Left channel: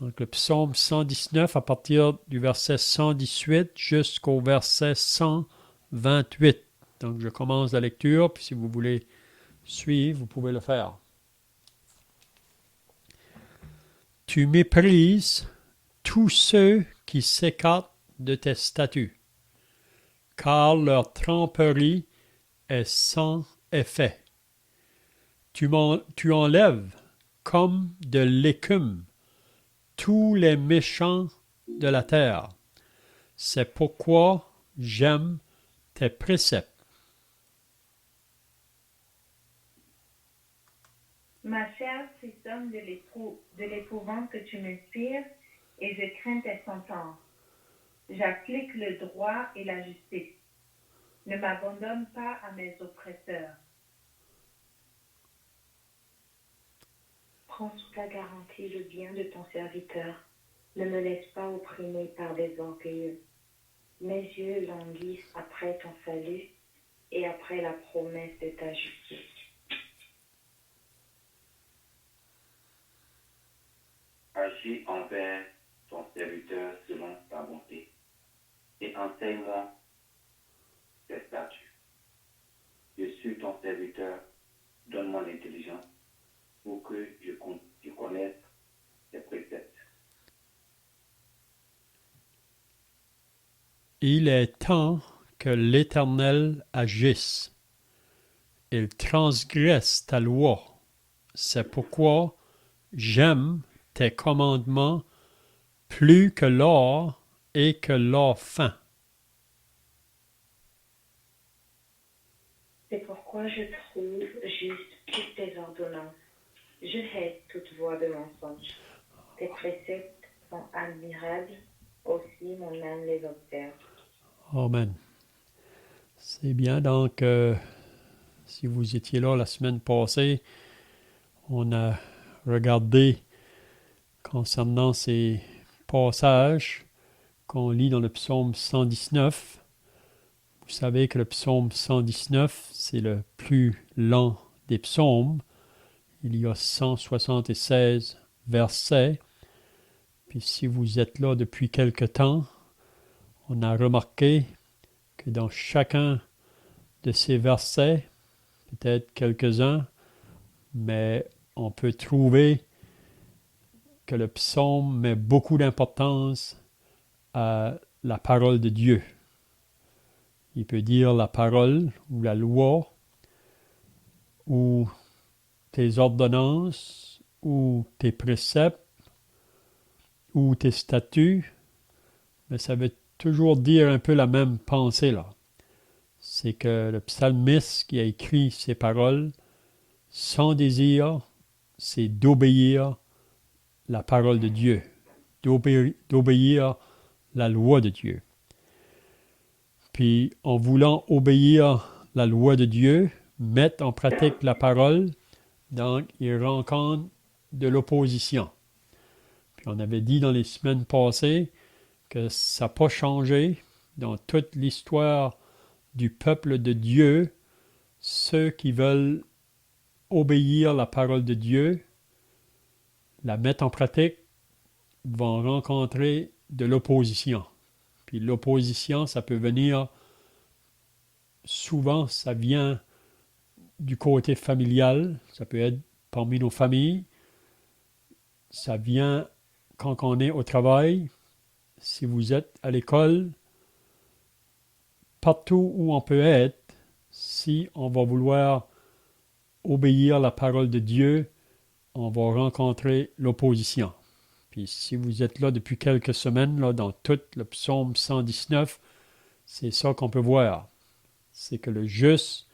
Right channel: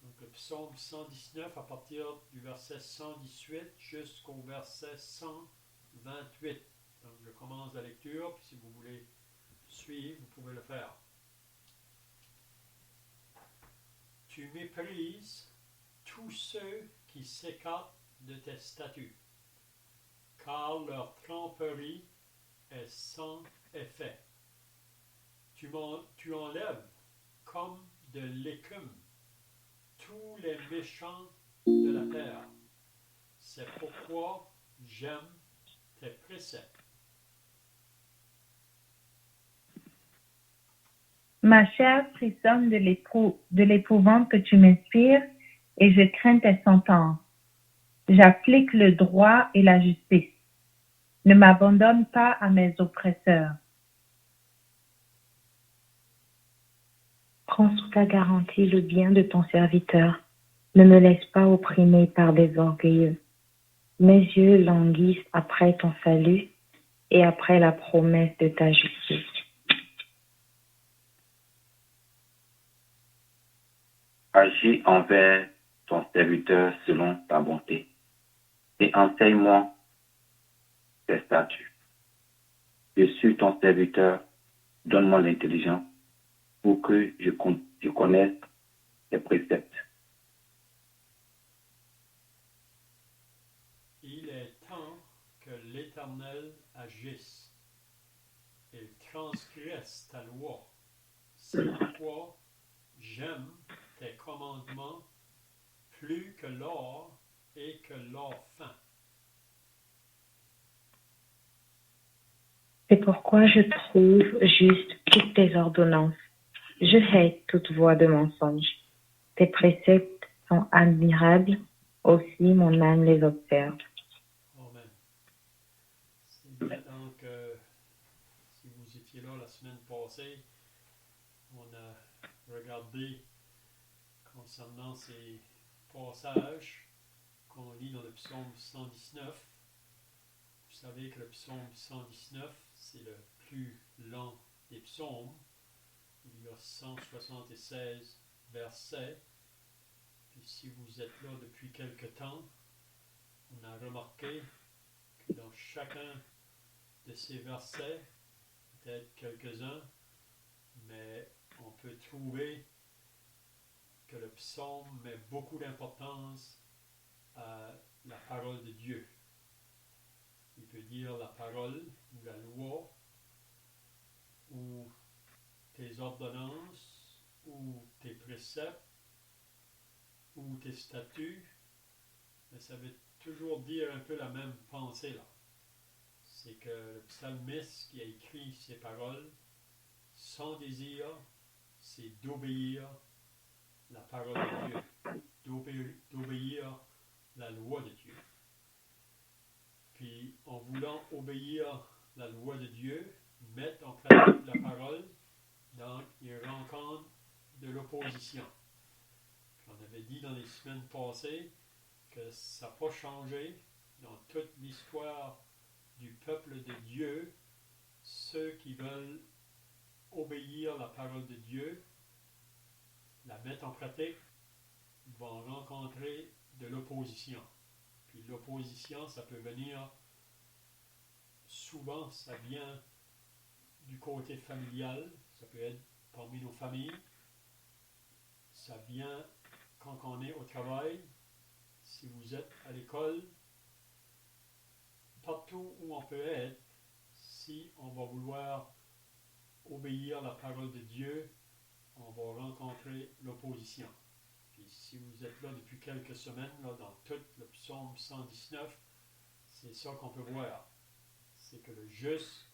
Donc le psaume 119 à partir du verset 118 jusqu'au verset 128. Donc je commence la lecture, puis si vous voulez suivre, vous pouvez le faire. Tu méprises tous ceux qui s'écartent de tes statuts, car leur tromperie est sans effet. Tu enlèves comme de l'écume tous les méchants de la terre. C'est pourquoi j'aime tes préceptes. Ma chair frissonne de l'épouvante que tu m'inspires et je crains tes sentences. J'applique le droit et la justice. Ne m'abandonne pas à mes oppresseurs. Prends sous ta garantie le bien de ton serviteur. Ne me laisse pas opprimer par des orgueilleux. Mes yeux languissent après ton salut et après la promesse de ta justice. Agis envers ton serviteur selon ta bonté et enseigne-moi tes statuts. Je suis ton serviteur, donne-moi l'intelligence pour que je connaisse tes préceptes. Il est temps que l'Éternel agisse. Il transgresse ta loi. C'est pourquoi j'aime tes commandements plus que l'or et que l'or fin. C'est pourquoi je trouve juste toutes tes ordonnances. Je hais toute voie de mensonge. Tes préceptes sont admirables, aussi mon âme les observe. Amen. C'est bien, donc, si vous étiez là la semaine passée, on a regardé concernant ces passages qu'on lit dans le psaume 119. Vous savez que le psaume 119, c'est le plus lent des psaumes. Il y a 176 versets. Puis si vous êtes là depuis quelque temps, on a remarqué que dans chacun de ces versets, peut-être quelques-uns, mais on peut trouver que le psaume met beaucoup d'importance à la parole de Dieu. Il peut dire la parole ou la loi ou tes ordonnances ou tes préceptes ou tes statuts, mais ça veut toujours dire un peu la même pensée là. C'est que le psalmiste qui a écrit ces paroles, son désir, c'est d'obéir la parole de Dieu, d'obéir la loi de Dieu. Puis en voulant obéir la loi de Dieu, mettre en pratique la parole, donc il rencontre de l'opposition. Puis on avait dit dans les semaines passées que ça n'a pas changé dans toute l'histoire du peuple de Dieu. Ceux qui veulent obéir la parole de Dieu, la mettre en pratique, vont rencontrer de l'opposition. Puis l'opposition, ça peut venir, souvent, ça vient du côté familial, ça peut être parmi nos familles, ça vient quand on est au travail, si vous êtes à l'école, partout où on peut être, si on va vouloir obéir la parole de Dieu, on va rencontrer l'opposition. Puis si vous êtes là depuis quelques semaines, là, dans tout le psaume 119, c'est ça qu'on peut voir. C'est que le juste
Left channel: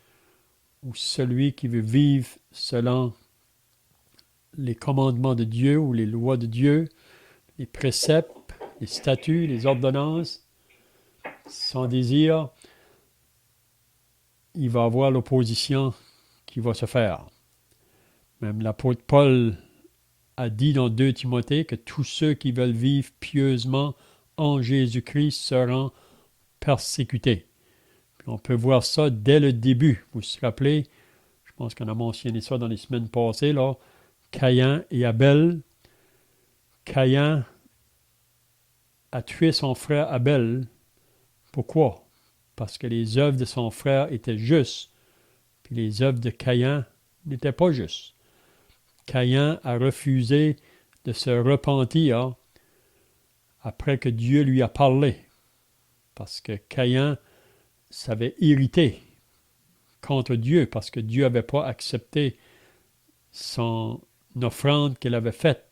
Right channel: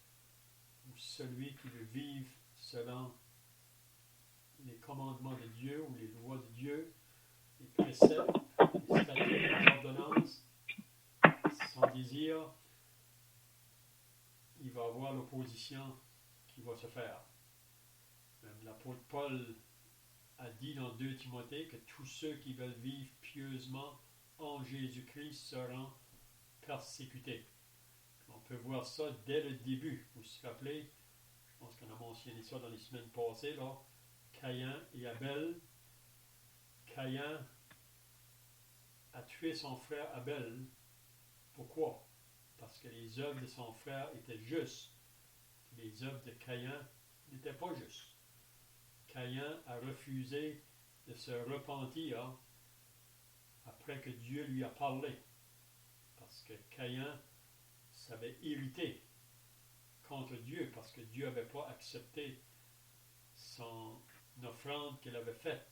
ou celui qui veut vivre selon les commandements de Dieu ou les lois de Dieu, les préceptes, les statuts, les ordonnances, son désir, il va avoir l'opposition qui va se faire. Même l'apôtre Paul a dit dans 2 Timothée que tous ceux qui veulent vivre pieusement en Jésus-Christ seront persécutés. Puis on peut voir ça dès le début. Vous vous rappelez, je pense qu'on a mentionné ça dans les semaines passées, là, Caïn et Abel. Caïn a tué son frère Abel. Pourquoi? Parce que les œuvres de son frère étaient justes, puis les œuvres de Caïn n'étaient pas justes. Caïn a refusé de se repentir après que Dieu lui a parlé, parce que Caïn s'avait irrité contre Dieu, parce que Dieu n'avait pas accepté son offrande qu'il avait faite.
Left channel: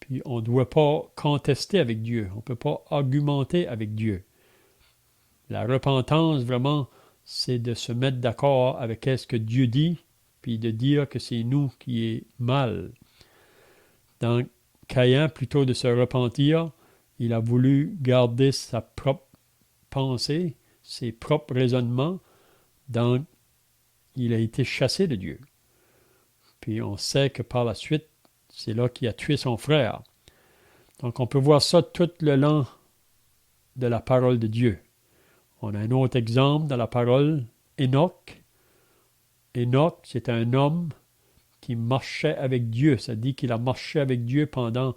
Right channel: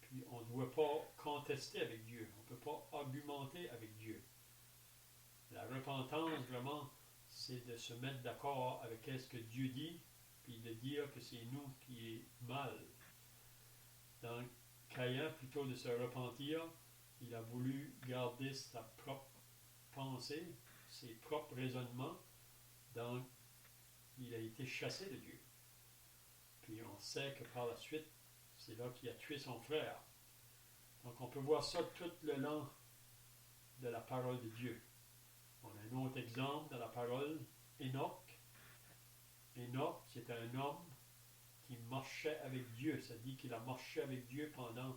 Puis on ne doit pas contester avec Dieu, on ne peut pas argumenter avec Dieu. La repentance, vraiment, c'est de se mettre d'accord avec ce que Dieu dit, puis de dire que c'est nous qui est mal. Donc, Caïn, plutôt de se repentir, il a voulu garder sa propre pensée, ses propres raisonnements, donc il a été chassé de Dieu. Puis on sait que par la suite, c'est là qu'il a tué son frère. Donc on peut voir ça tout le long de la parole de Dieu. On a un autre exemple dans la parole, Enoch. Enoch, c'est un homme qui marchait avec Dieu. Ça dit qu'il a marché avec Dieu pendant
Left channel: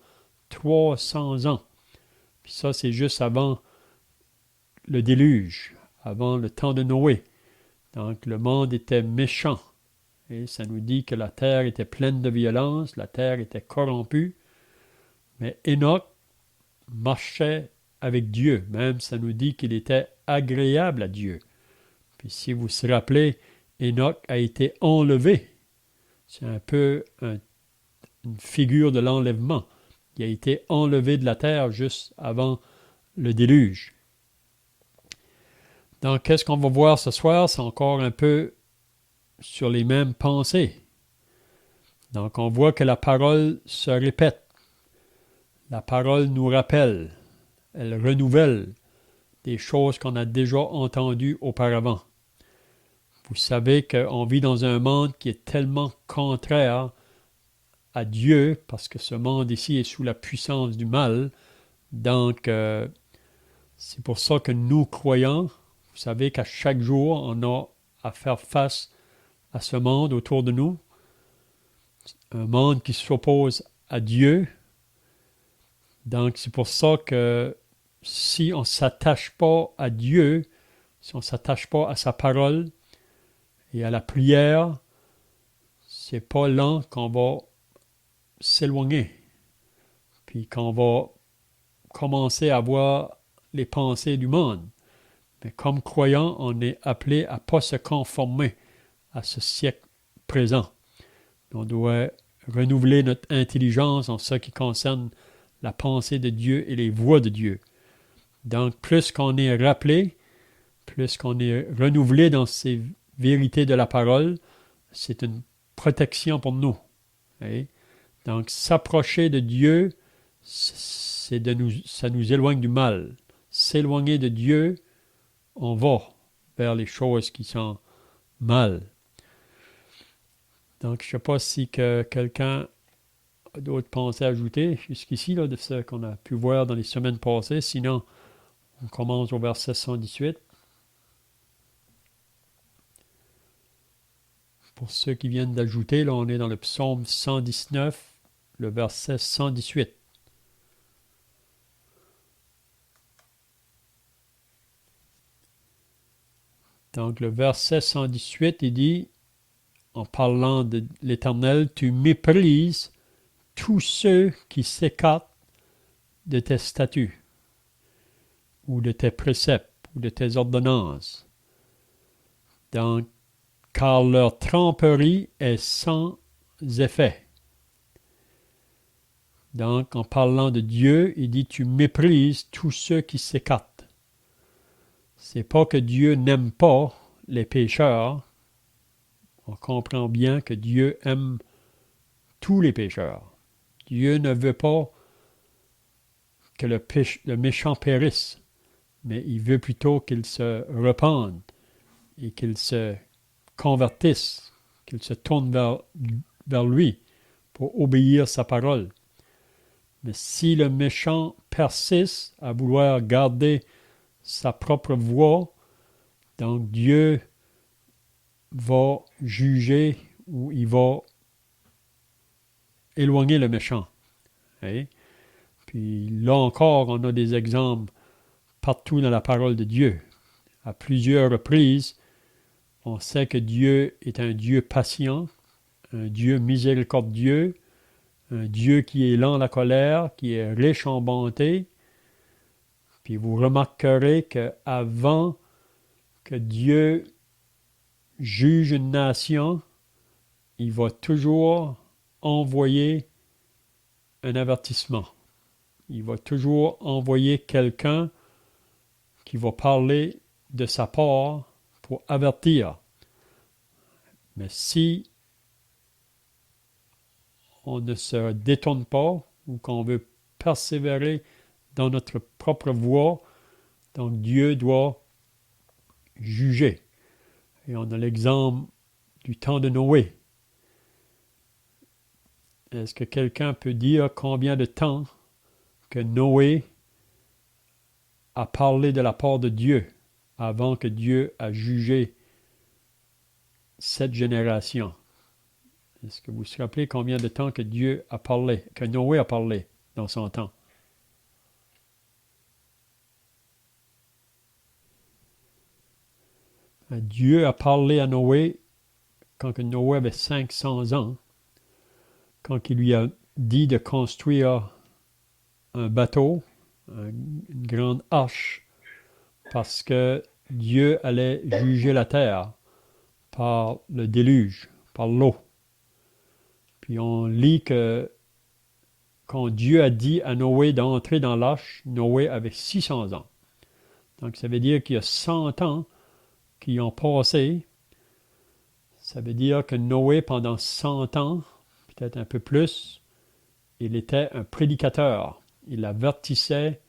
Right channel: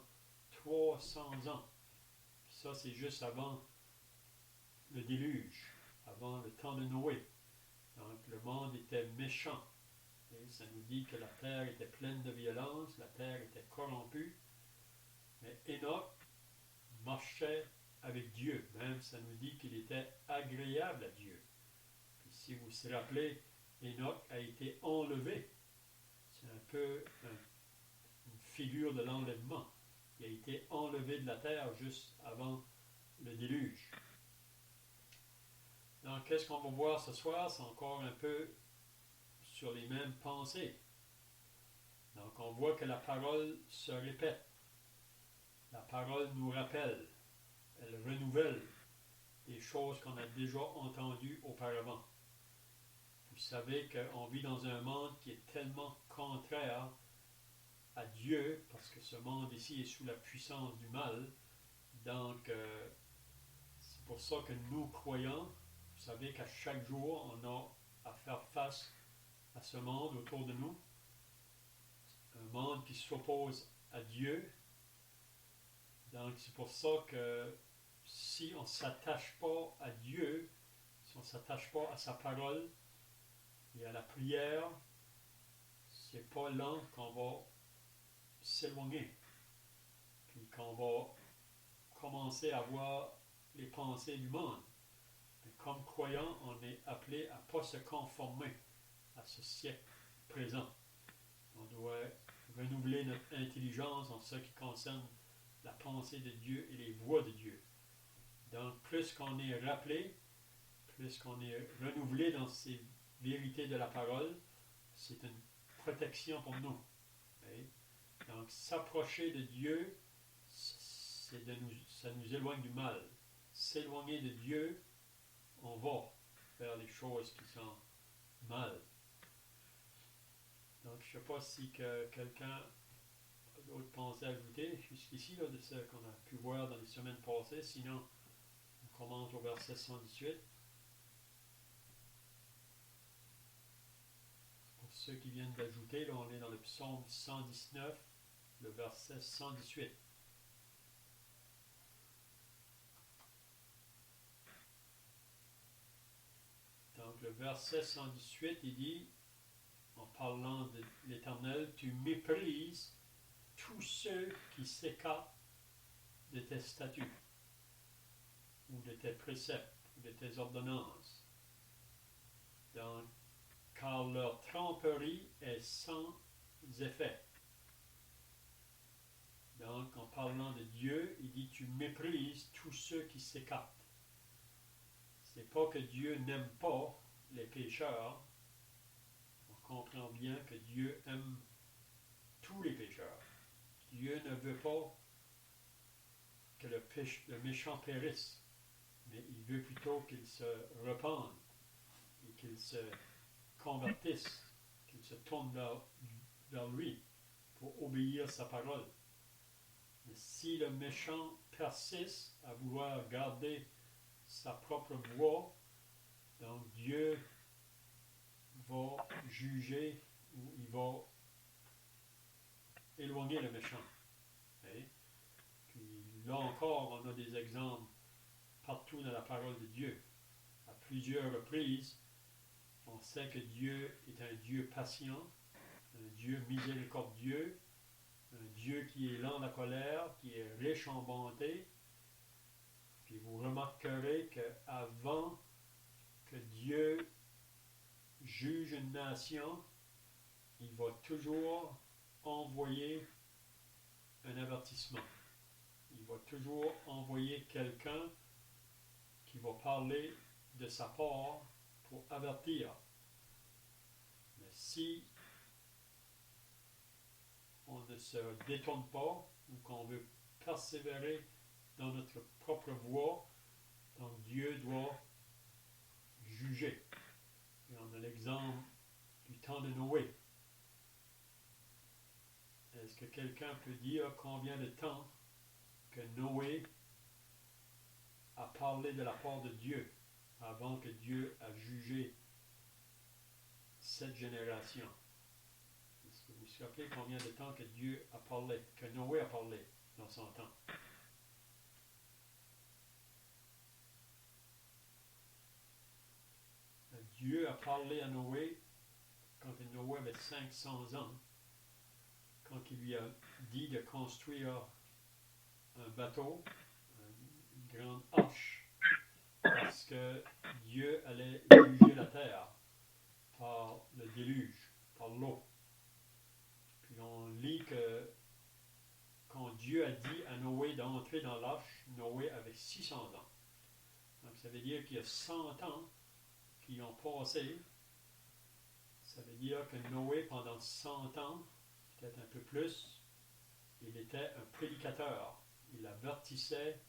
300 ans. Puis ça, c'est juste avant le déluge, avant le temps de Noé. Donc le monde était méchant. Et ça nous dit que la terre était pleine de violence, la terre était corrompue. Mais Enoch marchait avec Dieu. Même ça nous dit qu'il était agréable à Dieu. Puis si vous vous rappelez, Enoch a été enlevé. C'est un peu une figure de l'enlèvement. Il a été enlevé de la terre juste avant le déluge. Donc, qu'est-ce qu'on va voir ce soir? C'est encore un peu sur les mêmes pensées. Donc, on voit que la parole se répète. La parole nous rappelle. Elle renouvelle des choses qu'on a déjà entendues auparavant. Vous savez qu'on vit dans un monde qui est tellement contraire à Dieu, parce que ce monde ici est sous la puissance du mal. Donc, c'est pour ça que nous, croyants, vous savez qu'à chaque jour, on a à faire face à ce monde autour de nous. Un monde qui s'oppose à Dieu. Donc, c'est pour ça que si on ne s'attache pas à Dieu, si on ne s'attache pas à sa parole et à la prière, c'est pas là qu'on va s'éloigner, puis qu'on va commencer à voir les pensées du monde. Mais comme croyants, on est appelé à ne pas se conformer à ce siècle présent. On doit renouveler notre intelligence en ce qui concerne la pensée de Dieu et les voies de Dieu. Donc, plus qu'on est rappelé, plus qu'on est renouvelé dans ces vérités de la parole, c'est une protection pour nous. Okay? Donc, s'approcher de Dieu, ça nous éloigne du mal. S'éloigner de Dieu, on va vers les choses qui sont mal. Donc, je ne sais pas si quelqu'un a d'autres pensées à ajouter jusqu'ici, là, de ce qu'on a pu voir dans les semaines passées. Sinon, on commence au verset 118. Pour ceux qui viennent d'ajouter, là, on est dans le psaume 119, le verset 118. Donc, le verset 118, il dit, en parlant de l'Éternel, « Tu méprises tous ceux qui s'écartent de tes statuts, ou de tes préceptes, ou de tes ordonnances. Donc, car leur tromperie est sans effet. » Donc, en parlant de Dieu, il dit, tu méprises tous ceux qui s'écartent. C'est pas que Dieu n'aime pas les pécheurs. On comprend bien que Dieu aime tous les pécheurs. Dieu ne veut pas que le méchant périsse, mais il veut plutôt qu'il se repente et qu'il se convertisse, qu'il se tourne vers lui pour obéir sa parole. Mais si le méchant persiste à vouloir garder sa propre voie, donc Dieu va juger ou il va éloigner le méchant. Hein? Puis là encore, on a des exemples partout dans la parole de Dieu. À plusieurs reprises, on sait que Dieu est un Dieu patient, un Dieu miséricordieux, un Dieu qui est lent à la colère, qui est riche en bonté. Puis vous remarquerez qu'avant que Dieu juge une nation, il va toujours envoyer un avertissement. Il va toujours envoyer quelqu'un qui va parler de sa part pour avertir. Mais si on ne se détourne pas ou qu'on veut persévérer dans notre propre voie, donc Dieu doit juger. Et on a l'exemple du temps de Noé. Est-ce que quelqu'un peut dire combien de temps que Noé a parlé de la part de Dieu avant que Dieu a jugé cette génération? Est-ce que vous vous rappelez combien de temps que Dieu a parlé, que Noé a parlé dans son temps? Dieu a parlé à Noé quand que Noé avait 500 ans, quand il lui a dit de construire un bateau, une grande arche, parce que Dieu allait juger la terre par le déluge, par l'eau. Puis on lit que quand Dieu a dit à Noé d'entrer dans l'arche, Noé avait 600 ans. Donc ça veut dire qu'il y a 100 ans qui ont passé. Ça veut dire que Noé, pendant 100 ans, peut-être un peu plus, il était un prédicateur. Il avertissait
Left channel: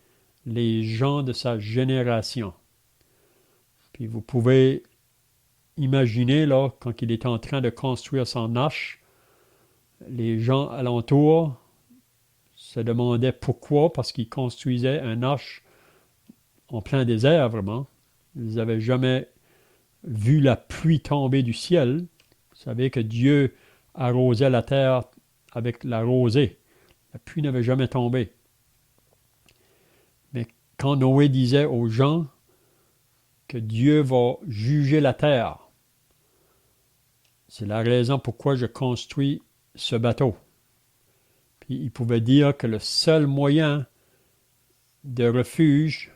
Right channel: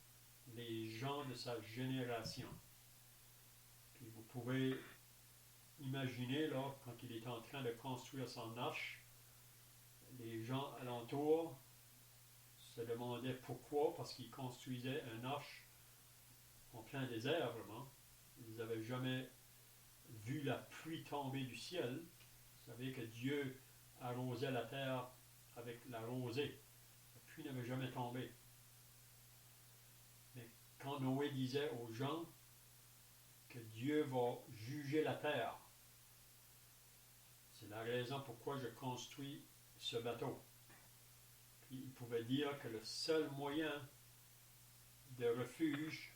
les gens de sa génération. Puis vous pouvez imaginer, là, quand il est en train de construire son arche, les gens alentour se demandaient pourquoi, parce qu'il construisait un arche en plein désert, vraiment. Ils n'avaient jamais vu la pluie tomber du ciel. Vous savez que Dieu arrosait la terre avec la rosée. La pluie n'avait jamais tombé. Mais quand Noé disait aux gens que Dieu va juger la terre, c'est la raison pourquoi je construis ce bateau. Puis il pouvait dire que le seul moyen de refuge,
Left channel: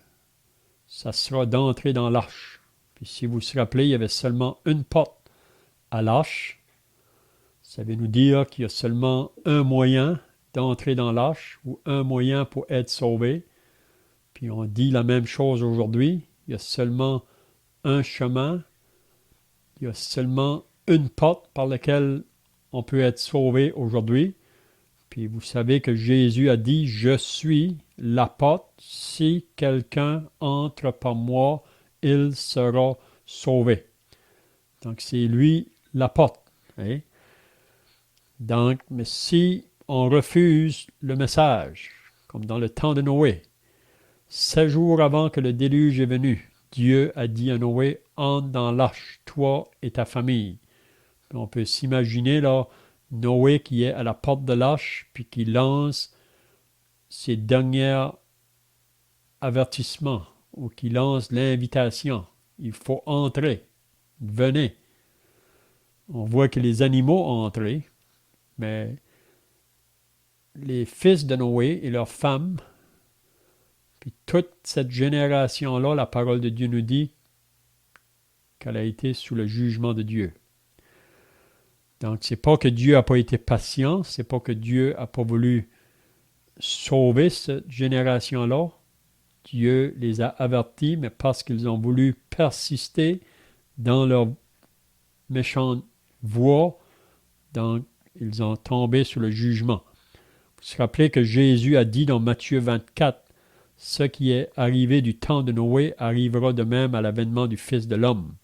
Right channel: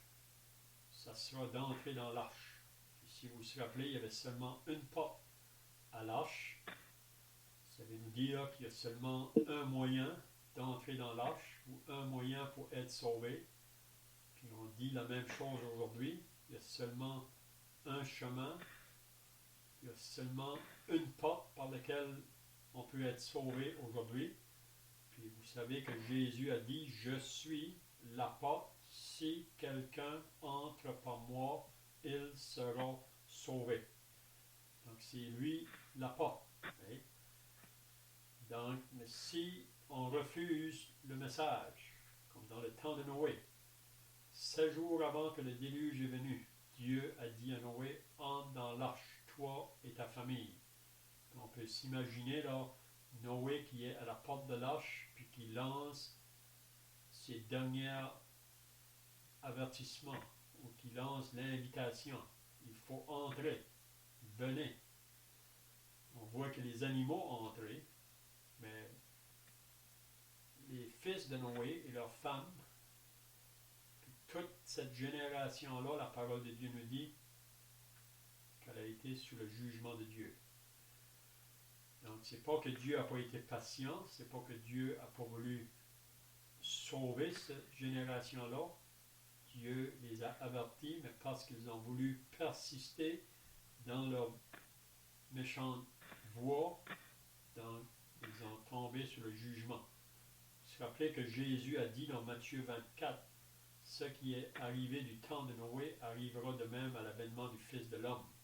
ça sera d'entrer dans l'arche. Puis si vous vous rappelez, il y avait seulement une porte à l'arche. Ça veut nous dire qu'il y a seulement un moyen d'entrer dans l'arche ou un moyen pour être sauvé. Puis on dit la même chose aujourd'hui. Il y a seulement un chemin. Il y a seulement une porte par laquelle on peut être sauvé aujourd'hui. Puis vous savez que Jésus a dit, je suis la porte. Si quelqu'un entre par moi, il sera sauvé. Donc c'est lui la porte. Hein? Donc, mais si on refuse le message, comme dans le temps de Noé, 7 jours avant que le déluge est venu, Dieu a dit à Noé, entre dans l'arche, toi et ta famille. On peut s'imaginer là, Noé qui est à la porte de l'arche, puis qui lance ses derniers avertissements, ou qui lance l'invitation. Il faut entrer. Venez. On voit que les animaux ont entré, mais les fils de Noé et leurs femmes, puis toute cette génération-là, la parole de Dieu nous dit qu'elle a été sous le jugement de Dieu. Donc, c'est pas que Dieu n'a pas été patient, c'est pas que Dieu n'a pas voulu sauver cette génération-là. Dieu les a avertis, mais parce qu'ils ont voulu persister dans leur méchante voie, donc ils ont tombé sous le jugement. Vous vous rappelez que Jésus a dit dans Matthieu 24, « Ce qui est arrivé du temps de Noé arrivera de même à l'avènement du Fils de l'homme. »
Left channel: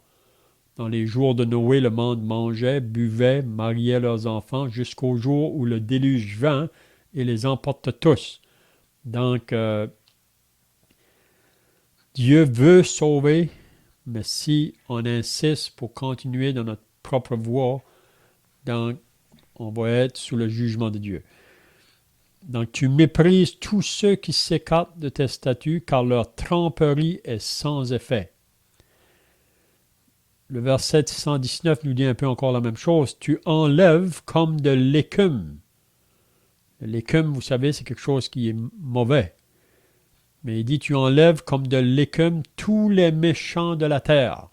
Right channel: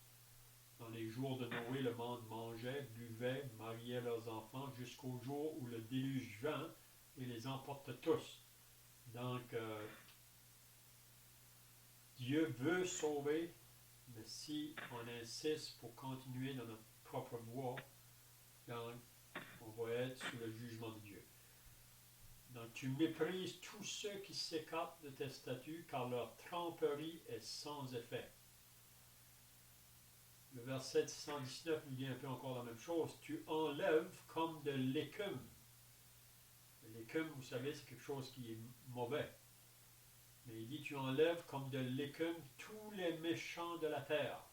Dans les jours de Noé, le monde mangeait, buvait, mariait leurs enfants, jusqu'au jour où le déluge vint et les emporta tous. Donc, Dieu veut sauver, mais si on insiste pour continuer dans notre propre voie, donc on va être sous le jugement de Dieu. Donc, tu méprises tous ceux qui s'écartent de tes statuts, car leur tromperie est sans effet. Le verset 119 nous dit un peu encore la même chose. Tu enlèves comme de l'écume. L'écume, vous savez, c'est quelque chose qui est mauvais. Mais il dit, tu enlèves comme de l'écume tous les méchants de la terre.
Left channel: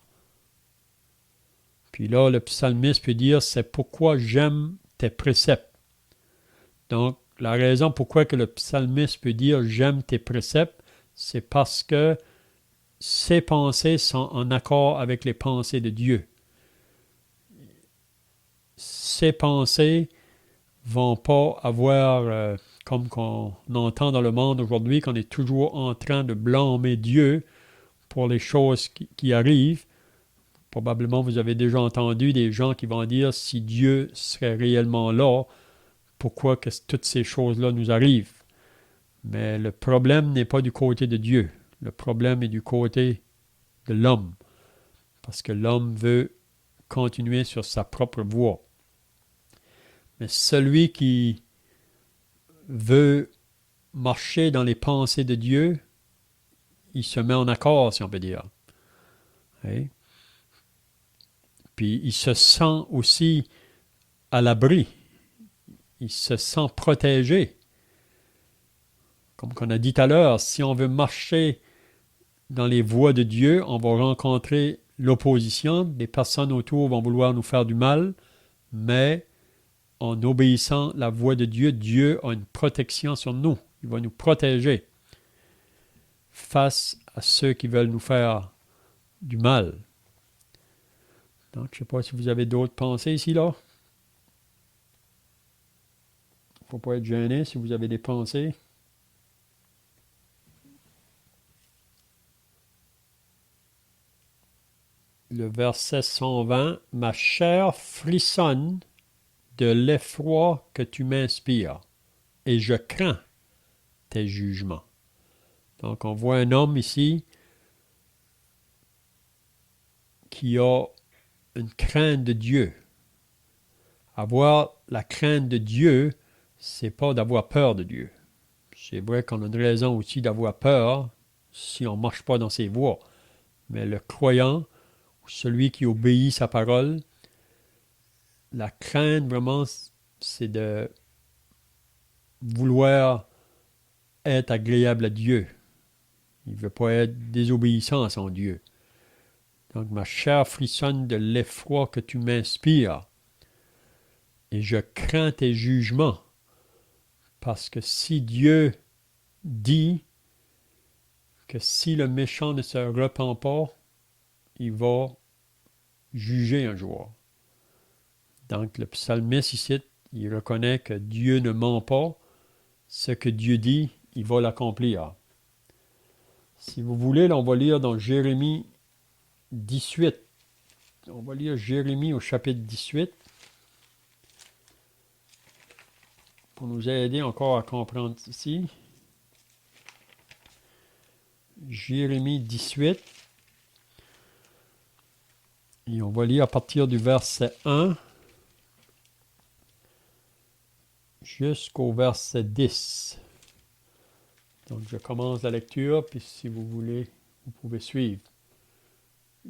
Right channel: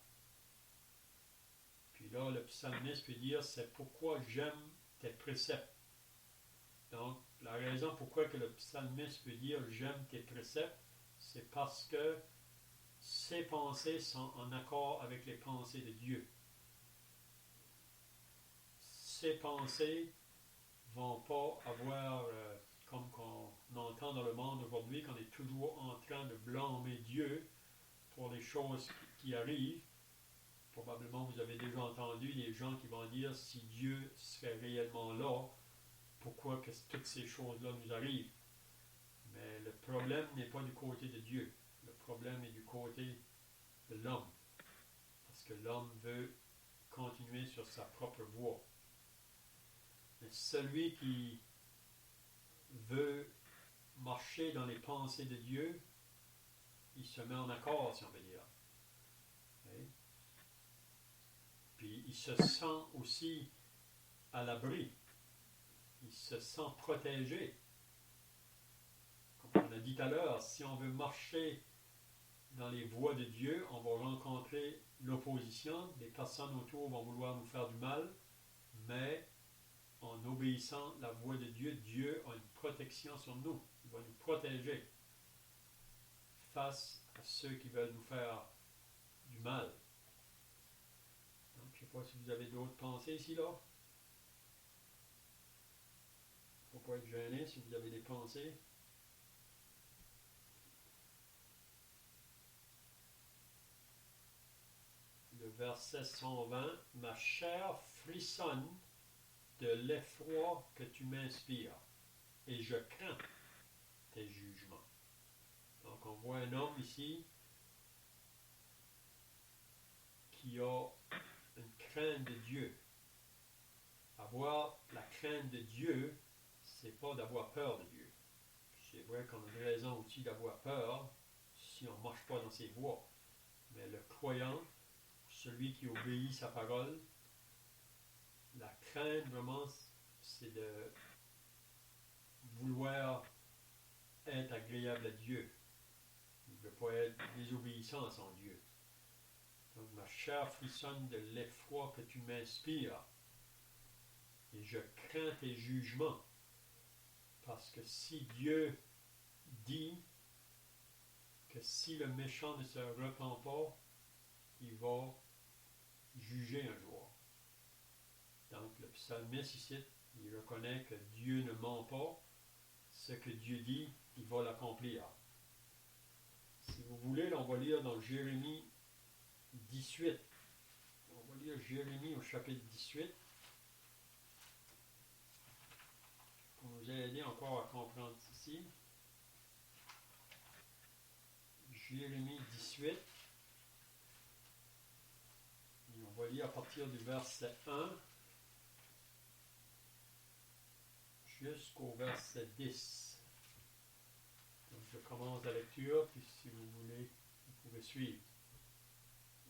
Puis là, le psalmiste peut dire, c'est pourquoi j'aime tes préceptes. Donc, la raison pourquoi que le psalmiste peut dire, j'aime tes préceptes, c'est parce que ses pensées sont en accord avec les pensées de Dieu. Ses pensées vont pas avoir, comme qu'on entend dans le monde aujourd'hui, qu'on est toujours en train de blâmer Dieu pour les choses qui arrivent. Probablement, vous avez déjà entendu des gens qui vont dire, si Dieu serait réellement là, pourquoi que toutes ces choses-là nous arrivent? Mais le problème n'est pas du côté de Dieu. Le problème est du côté de l'homme. Parce que l'homme veut continuer sur sa propre voie. Mais celui qui veut marcher dans les pensées de Dieu, il se met en accord, si on peut dire. Oui. Puis il se sent aussi à l'abri. Il se sent protégé. Comme on a dit tout à l'heure, si on veut marcher dans les voies de Dieu, on va rencontrer l'opposition. Des personnes autour vont vouloir nous faire du mal, mais en obéissant la voie de Dieu, Dieu a une protection sur nous. Il va nous protéger face à ceux qui veulent nous faire du mal. Donc, je ne sais pas si vous avez d'autres pensées ici, là. Il ne faut pas être gêné si vous avez des pensées. Le verset 120, « Ma chair frissonne de l'effroi que tu m'inspires, et je crains tes jugements. » Donc, on voit un homme ici qui a une crainte de Dieu. Avoir la crainte de Dieu, c'est pas d'avoir peur de Dieu. C'est vrai qu'on a une raison aussi d'avoir peur si on ne marche pas dans ses voies. Mais le croyant, celui qui obéit sa parole, la crainte vraiment, c'est de vouloir être agréable à Dieu. Il ne veut pas être désobéissant à son Dieu. Donc, ma chair frissonne de l'effroi que tu m'inspires. Et je crains tes jugements. Parce que si Dieu dit que si le méchant ne se repent pas, il va juger un jour. Donc, le psalmiste ici, il reconnaît que Dieu ne ment pas. Ce que Dieu dit, il va l'accomplir. Si vous voulez, là, on va lire dans Jérémie 18. On va lire Jérémie au chapitre 18 pour nous aider encore à comprendre ici. Jérémie 18. Et on va lire à partir du verset 1 jusqu'au verset 10. Donc, je commence la lecture, puis si vous voulez, vous pouvez suivre.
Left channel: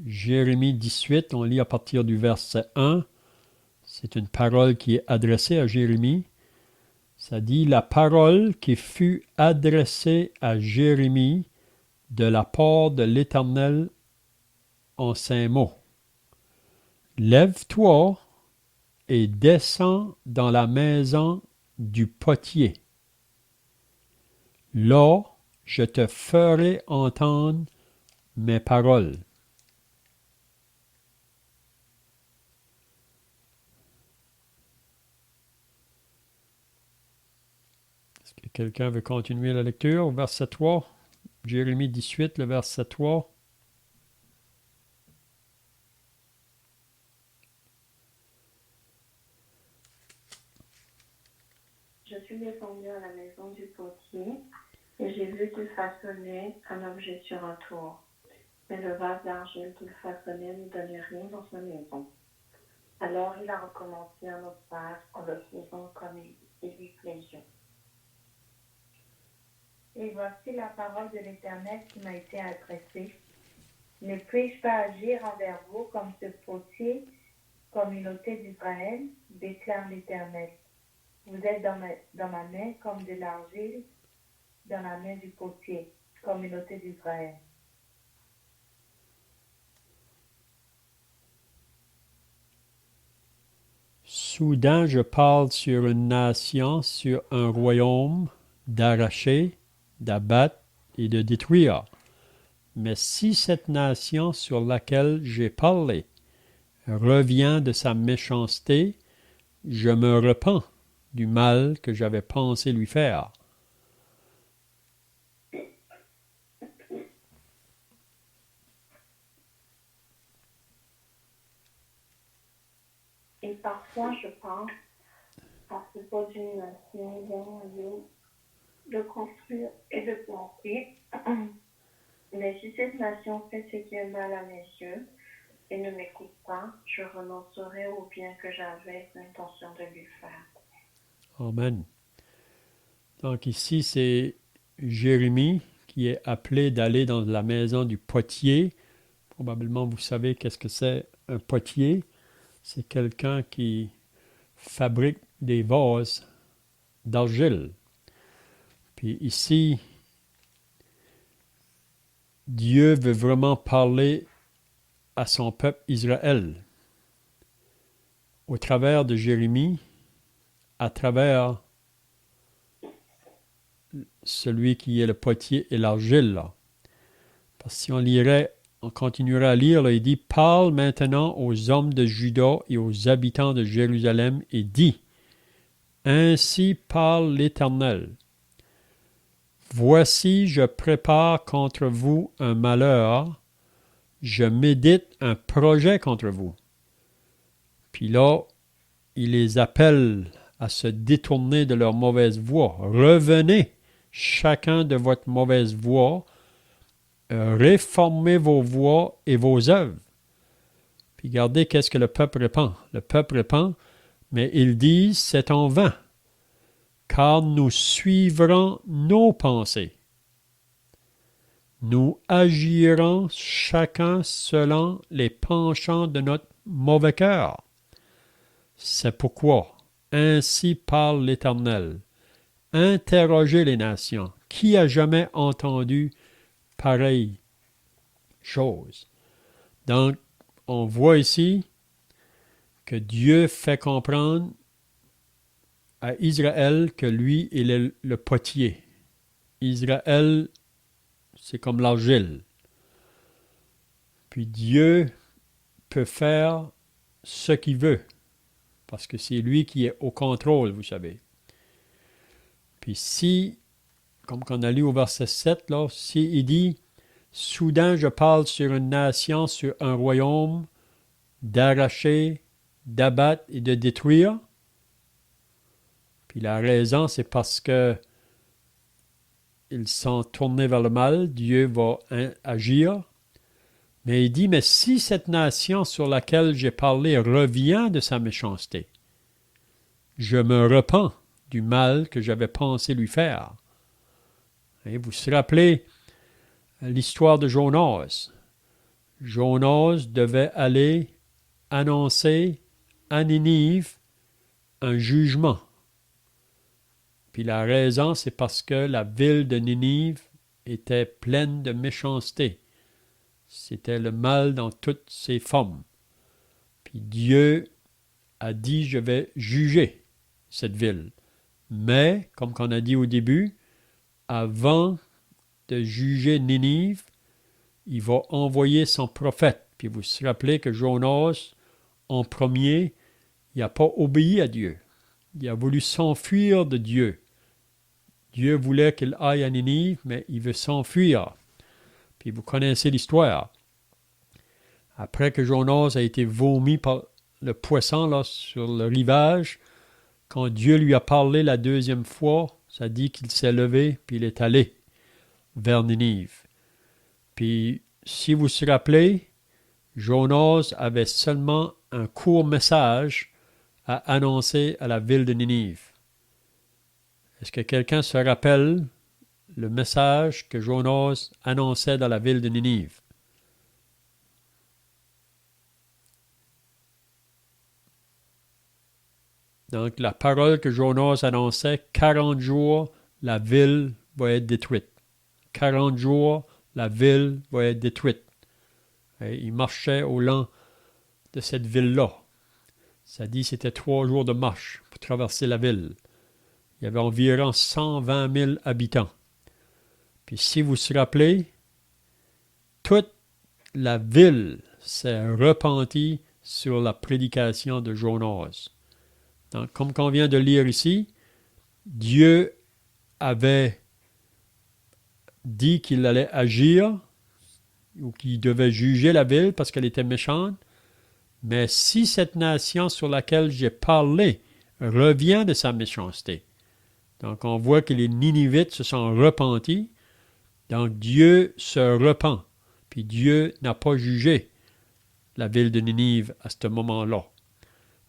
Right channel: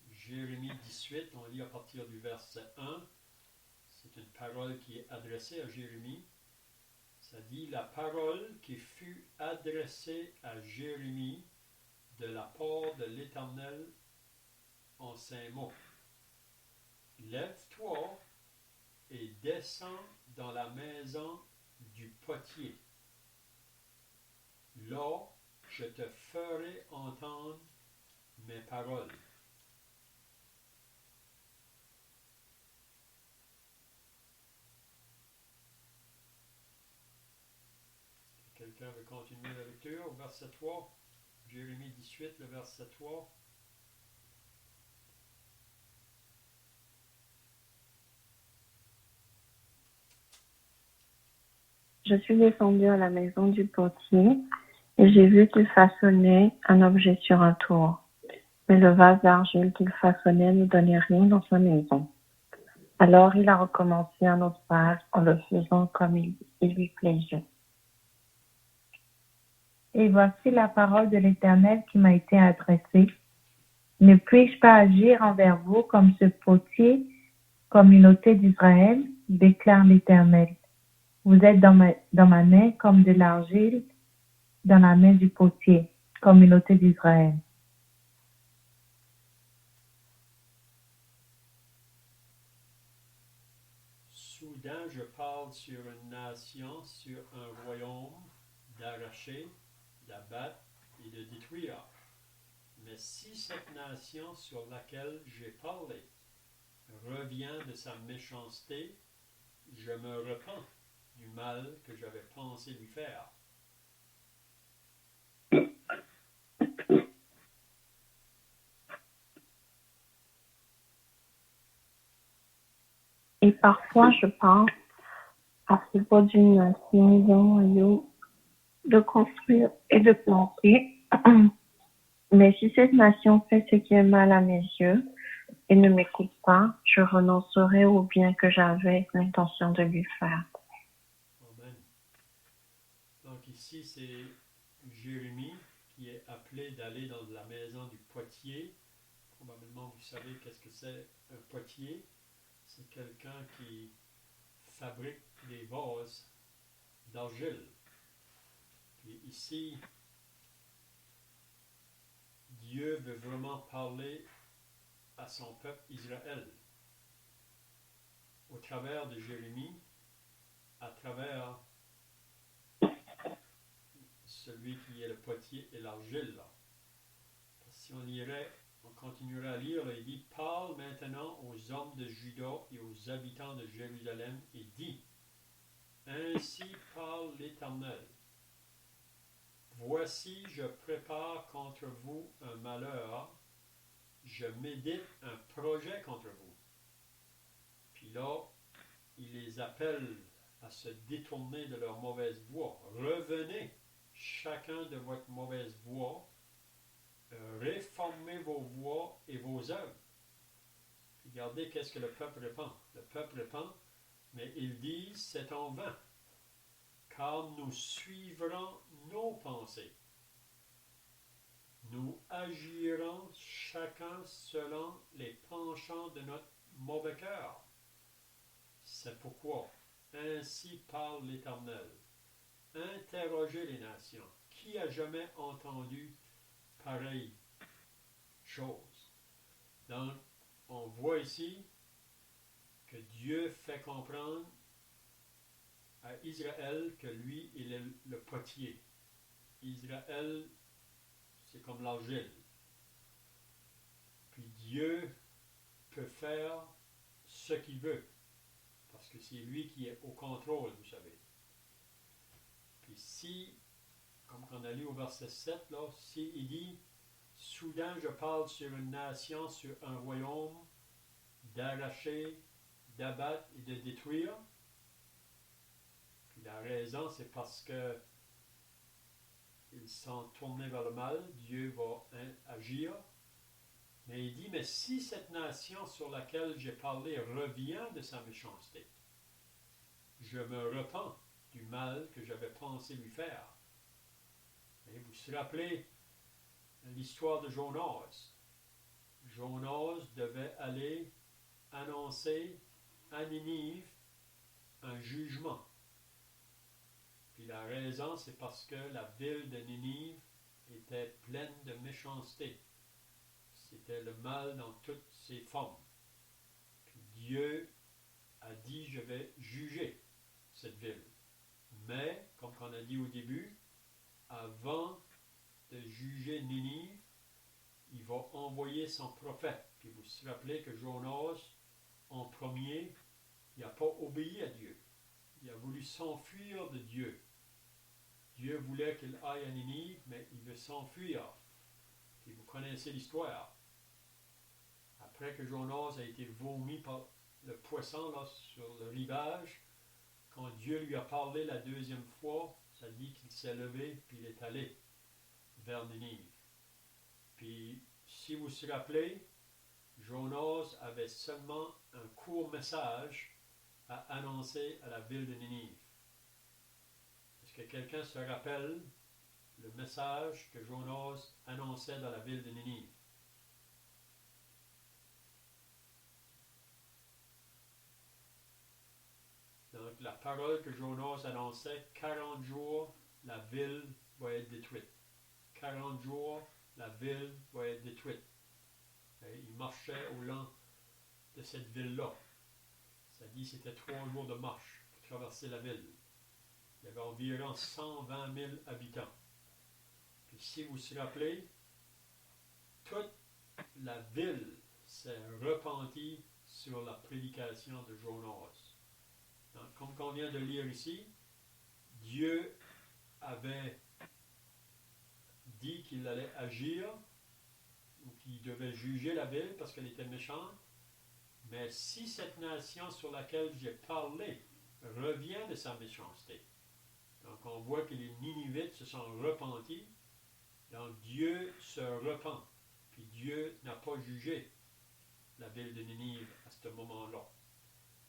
Jérémie 18, on lit à partir du verset 1. C'est une parole qui est adressée à Jérémie. Ça dit, la parole qui fut adressée à Jérémie de la part de l'Éternel en ces mots. Lève-toi et descends dans la maison du potier. Là, je te ferai entendre mes paroles. Est-ce que quelqu'un veut continuer la lecture au verset 3? Jérémie 18, le verset 3. Je suis descendu à la maison du potier et j'ai vu qu'il façonnait un objet sur un tour. Mais le vase d'argile qu'il façonnait ne donnait rien dans sa maison. Alors il a recommencé un autre vase en le faisant comme il lui plaisait. Et voici la parole de l'Éternel qui m'a été adressée. Ne puis-je pas agir envers vous comme ce potier, communauté d'Israël, déclare l'Éternel. Vous êtes dans ma main comme de l'argile dans la main du potier, communauté d'Israël. Soudain, je parle sur une nation, sur un royaume, d'arracher, d'abattre et de détruire. Mais si cette nation sur laquelle j'ai parlé revient de sa méchanceté, je me repens du mal que j'avais pensé lui faire. Et parfois, je pense à propos d'une maison de construire et de planter. Mais si cette nation fait ce qui est mal à mes yeux et ne m'écoute pas, je renoncerai au bien que j'avais l'intention de lui faire. Amen. Donc ici, c'est Jérémie qui est appelé d'aller dans la maison du potier. Probablement, vous savez qu'est-ce que c'est un potier. C'est quelqu'un qui fabrique des vases d'argile. Puis ici, Dieu veut vraiment parler à son peuple Israël au travers de Jérémie, à travers celui qui est le potier et l'argile. Là. Parce que si on continuerait à lire, là, il dit « Parle maintenant aux hommes de Juda et aux habitants de Jérusalem et dis, ainsi parle l'Éternel. Voici, je prépare contre vous un malheur, je médite un projet contre vous. » Puis là, il les appelle à se détourner de leur mauvaise voie. Revenez chacun de votre mauvaise voie, réformez vos voies et vos œuvres. Puis regardez qu'est-ce que le peuple répond. Le peuple répond, mais ils disent, c'est en vain, car nous suivrons nos pensées. Nous agirons chacun selon les penchants de notre mauvais cœur. C'est pourquoi, ainsi parle l'Éternel. Interrogez les nations. Qui a jamais entendu pareille chose? Donc, on voit ici que Dieu fait comprendre à Israël que lui, il est le potier. Israël, c'est comme l'argile. Puis Dieu peut faire ce qu'il veut, parce que c'est lui qui est au contrôle, vous savez. Puis si, comme qu'on a lu au verset 7, là, si il dit « Soudain je parle sur une nation, sur un royaume, d'arracher, d'abattre et de détruire. » Puis la raison, c'est parce que ils sont tournés vers le mal, Dieu va agir. Mais il dit, mais si cette nation sur laquelle j'ai parlé revient de sa méchanceté, je me repens du mal que j'avais pensé lui faire. Et vous vous rappelez l'histoire de Jonas. Jonas devait aller annoncer à Ninive un jugement. Puis la raison, c'est parce que la ville de Ninive était pleine de méchanceté. C'était le mal dans toutes ses formes. Puis Dieu a dit, je vais juger cette ville. Mais, comme on a dit au début, avant de juger Ninive, il va envoyer son prophète. Puis vous vous rappelez que Jonas, en premier, il n'a pas obéi à Dieu. Il a voulu s'enfuir de Dieu. Dieu voulait qu'il aille à Ninive, mais il veut s'enfuir. Puis vous connaissez l'histoire. Après que Jonas a été vomi par le poisson là, sur le rivage, quand Dieu lui a parlé la deuxième fois, ça dit qu'il s'est levé, puis il est allé vers Ninive. Puis, si vous vous rappelez, Jonas avait seulement un court message à annoncer à la ville de Ninive. Est-ce que quelqu'un se rappelle le message que Jonas annonçait dans la ville de Ninive. Donc, la parole que Jonas annonçait, 40 jours, la ville va être détruite. 40 jours, la ville va être détruite. Et il marchait au long de cette ville-là. Ça dit que c'était 3 jours de marche pour traverser la ville. Il y avait environ 120 000 habitants. Puis si vous vous rappelez, toute la ville s'est repentie sur la prédication de Jonas. Donc, comme on vient de lire ici, Dieu avait dit qu'il allait agir ou qu'il devait juger la ville parce qu'elle était méchante. Mais si cette nation sur laquelle j'ai parlé revient de sa méchanceté, donc on voit que les Ninivites se sont repentis, donc Dieu se repent, puis Dieu n'a pas jugé la ville de Ninive à ce moment-là,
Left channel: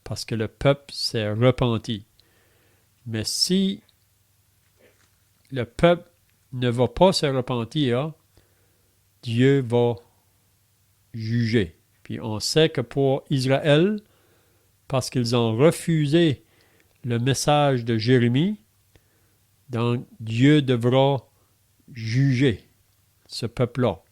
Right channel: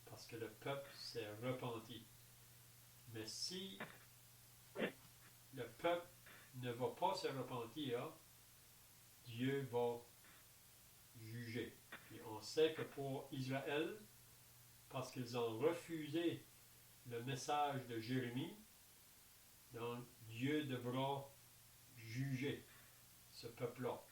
parce que le peuple s'est repenti. Mais si le peuple ne va pas se repentir, Dieu va juger. Puis on sait que pour Israël, parce qu'ils ont refusé le message de Jérémie, donc Dieu devra juger ce peuple-là.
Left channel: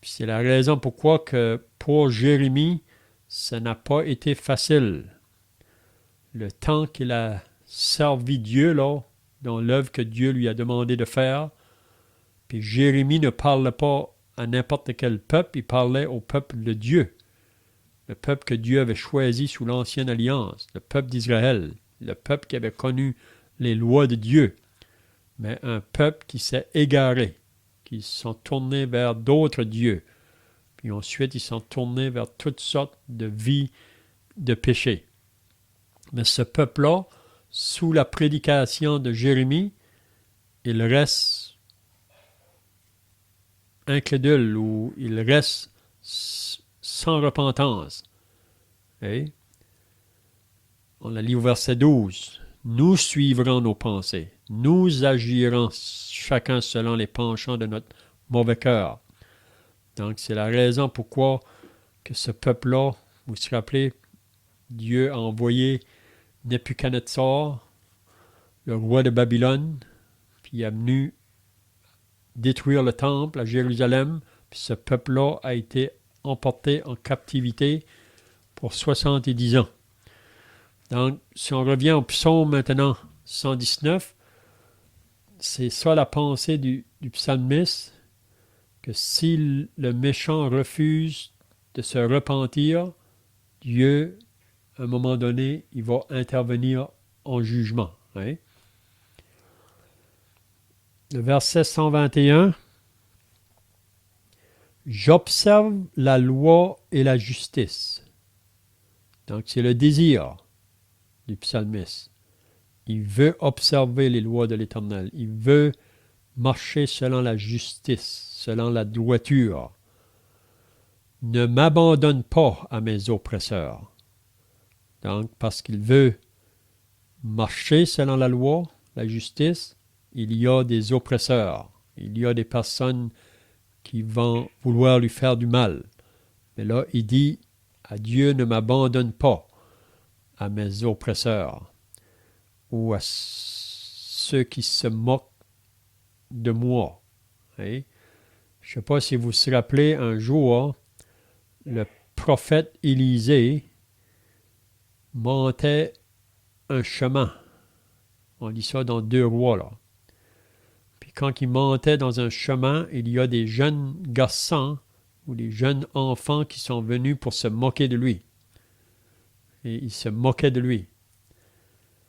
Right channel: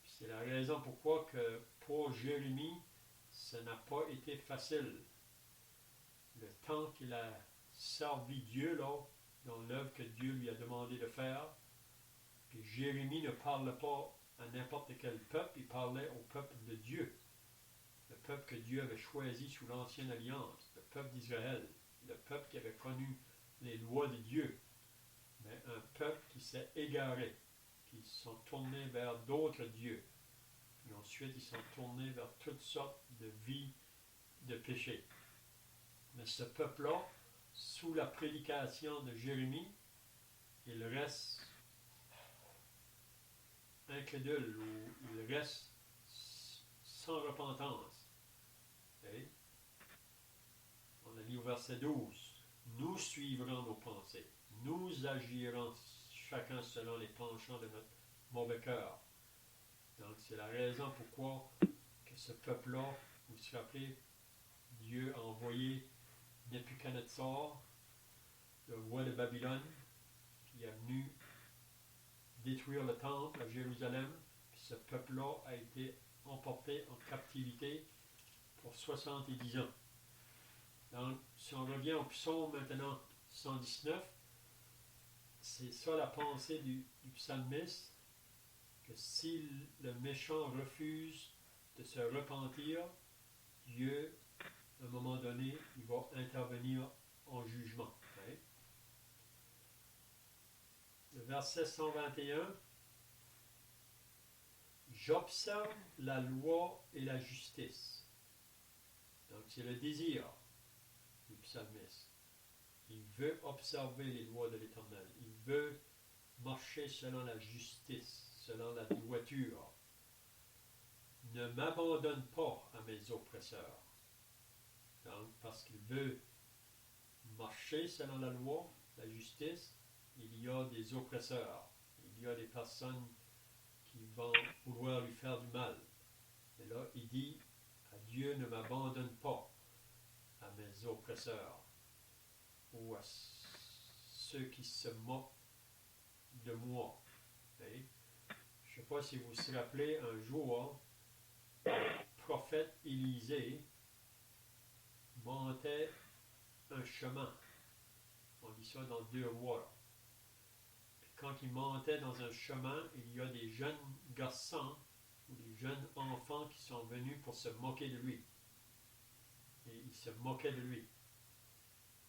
Puis c'est la raison pourquoi que pour Jérémie, ça n'a pas été facile. Le temps qu'il a servi Dieu, là, dans l'œuvre que Dieu lui a demandé de faire, puis Jérémie ne parlait pas à n'importe quel peuple, il parlait au peuple de Dieu. Le peuple que Dieu avait choisi sous l'Ancienne Alliance, le peuple d'Israël, le peuple qui avait connu les lois de Dieu, mais un peuple qui s'est égaré, qui se sont tournés vers d'autres dieux, puis ensuite ils sont tournés vers toutes sortes de vies de péché. Mais ce peuple-là, sous la prédication de Jérémie, il reste incrédule ou il reste sans repentance. Et on a lu au verset 12. Nous suivrons nos pensées. Nous agirons chacun selon les penchants de notre mauvais cœur. Donc, c'est la raison pourquoi que ce peuple-là, vous vous rappelez, Dieu a envoyé Nebuchadnezzar, le roi de Babylone, puis il est venu détruire le temple à Jérusalem, puis ce peuple-là a été emporté en captivité pour 70 ans. Donc, si on revient au psaume maintenant 119, c'est ça la pensée du psalmiste, que si le méchant refuse de se repentir, Dieu, à un moment donné, il va intervenir en jugement. Hein? Le verset 121, « J'observe la loi et la justice. » Donc, c'est le désir du psalmiste. Il veut observer les lois de l'Éternel. Il veut marcher selon la justice, selon la droiture. Ne m'abandonne pas à mes oppresseurs. Donc, parce qu'il veut marcher selon la loi, la justice, il y a des oppresseurs. Il y a des personnes qui vont vouloir lui faire du mal. Mais là, il dit, à Dieu ne m'abandonne pas à mes oppresseurs ou à ceux qui se moquent de moi. Hein? Je ne sais pas si vous vous rappelez, un jour, le prophète Élisée montait un chemin. On lit ça dans 2 Rois, là. Puis quand il montait dans un chemin, il y a des jeunes garçons ou des jeunes enfants qui sont venus pour se moquer de lui. Et ils se moquaient de lui.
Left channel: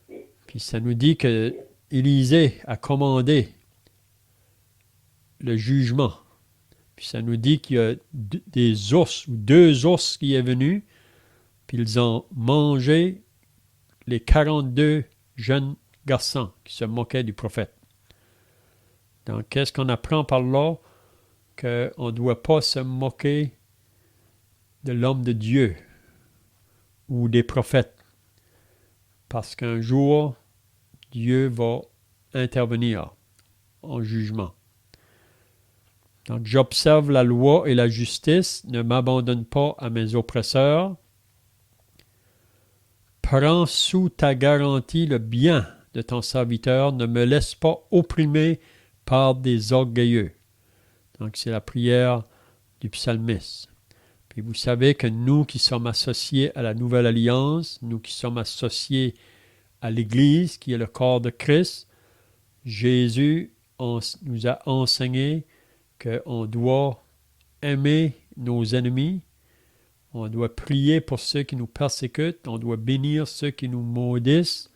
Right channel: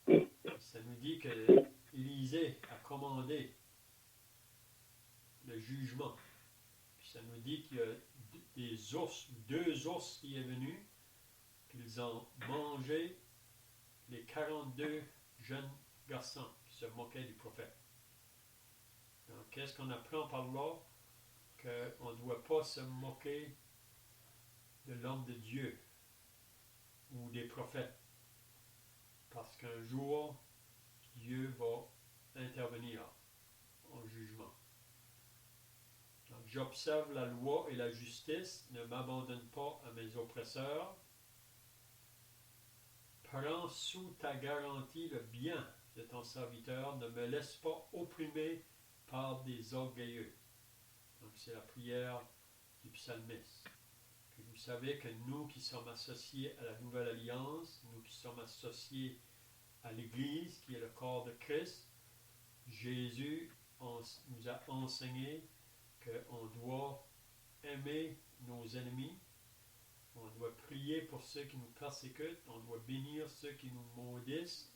Puis ça nous dit que Élisée a commandé le jugement. Puis ça nous dit qu'il y a des ours, ou 2 ours qui est venu, puis ils ont mangé les 42 jeunes garçons qui se moquaient du prophète. Donc, qu'est-ce qu'on apprend par là? Qu'on ne doit pas se moquer de l'homme de Dieu ou des prophètes. Parce qu'un jour, Dieu va intervenir. en jugement. Donc, j'observe la loi et la justice, ne m'abandonne pas à mes oppresseurs. Prends sous ta garantie le bien de ton serviteur, ne me laisse pas opprimer par des orgueilleux. Donc, c'est la prière du psalmiste. Puis vous savez que nous qui sommes associés à la Nouvelle Alliance, nous qui sommes associés à l'Église, qui est le corps de Christ, Jésus nous a enseigné qu'on doit aimer nos ennemis, on doit prier pour ceux qui nous persécutent, on doit bénir ceux qui nous maudissent.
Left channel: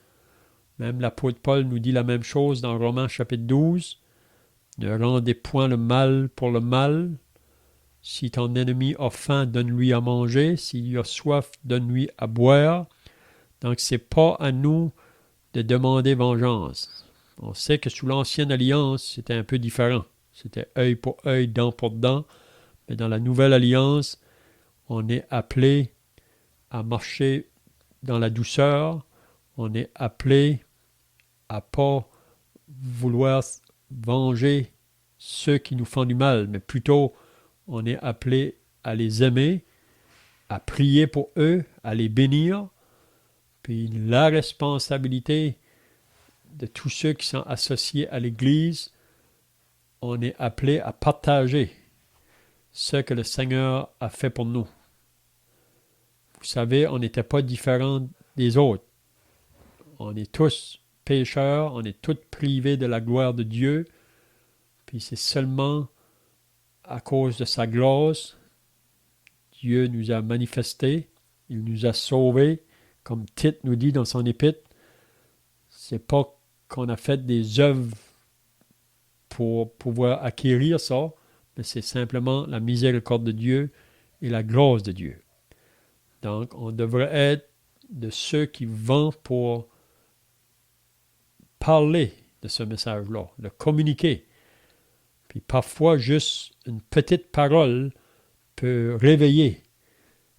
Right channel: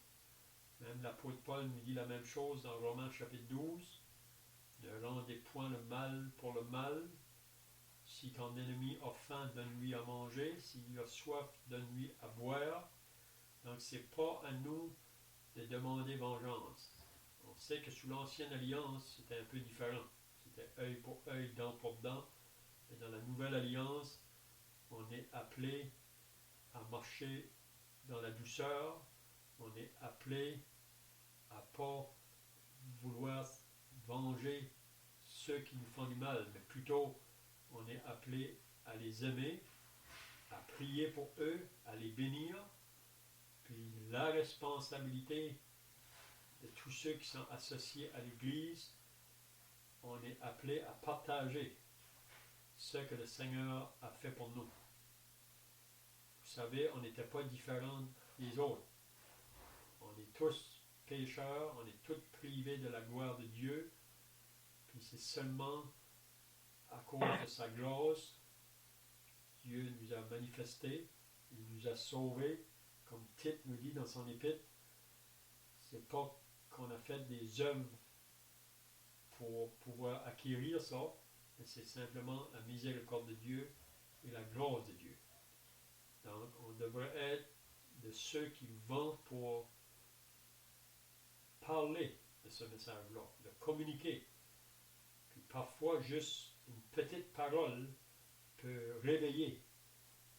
Même l'apôtre Paul nous dit la même chose dans Romains chapitre 12. Ne rendez point le mal pour le mal. Si ton ennemi a faim, donne-lui à manger. S'il a soif, donne-lui à boire. Donc, ce n'est pas à nous de demander vengeance. On sait que sous l'Ancienne Alliance, c'était un peu différent. C'était œil pour œil, dent pour dent. Mais dans la Nouvelle Alliance, on est appelé à marcher dans la douceur. On est appelé à ne pas vouloir venger ceux qui nous font du mal, mais plutôt on est appelé à les aimer, à prier pour eux, à les bénir. Puis la responsabilité de tous ceux qui sont associés à l'Église, on est appelé à partager ce que le Seigneur a fait pour nous. Vous savez, on n'était pas différents des autres. On est tous pécheurs, on est tous privés de la gloire de Dieu. Puis c'est seulement à cause de sa grâce, Dieu nous a manifesté, il nous a sauvés, comme Tite nous dit dans son épître. C'est pas qu'on a fait des œuvres pour pouvoir acquérir ça, mais c'est simplement la miséricorde de Dieu et la grâce de Dieu. Donc, on devrait être de ceux qui vont pour parler de ce message-là, le communiquer. Puis parfois, juste une petite parole peut réveiller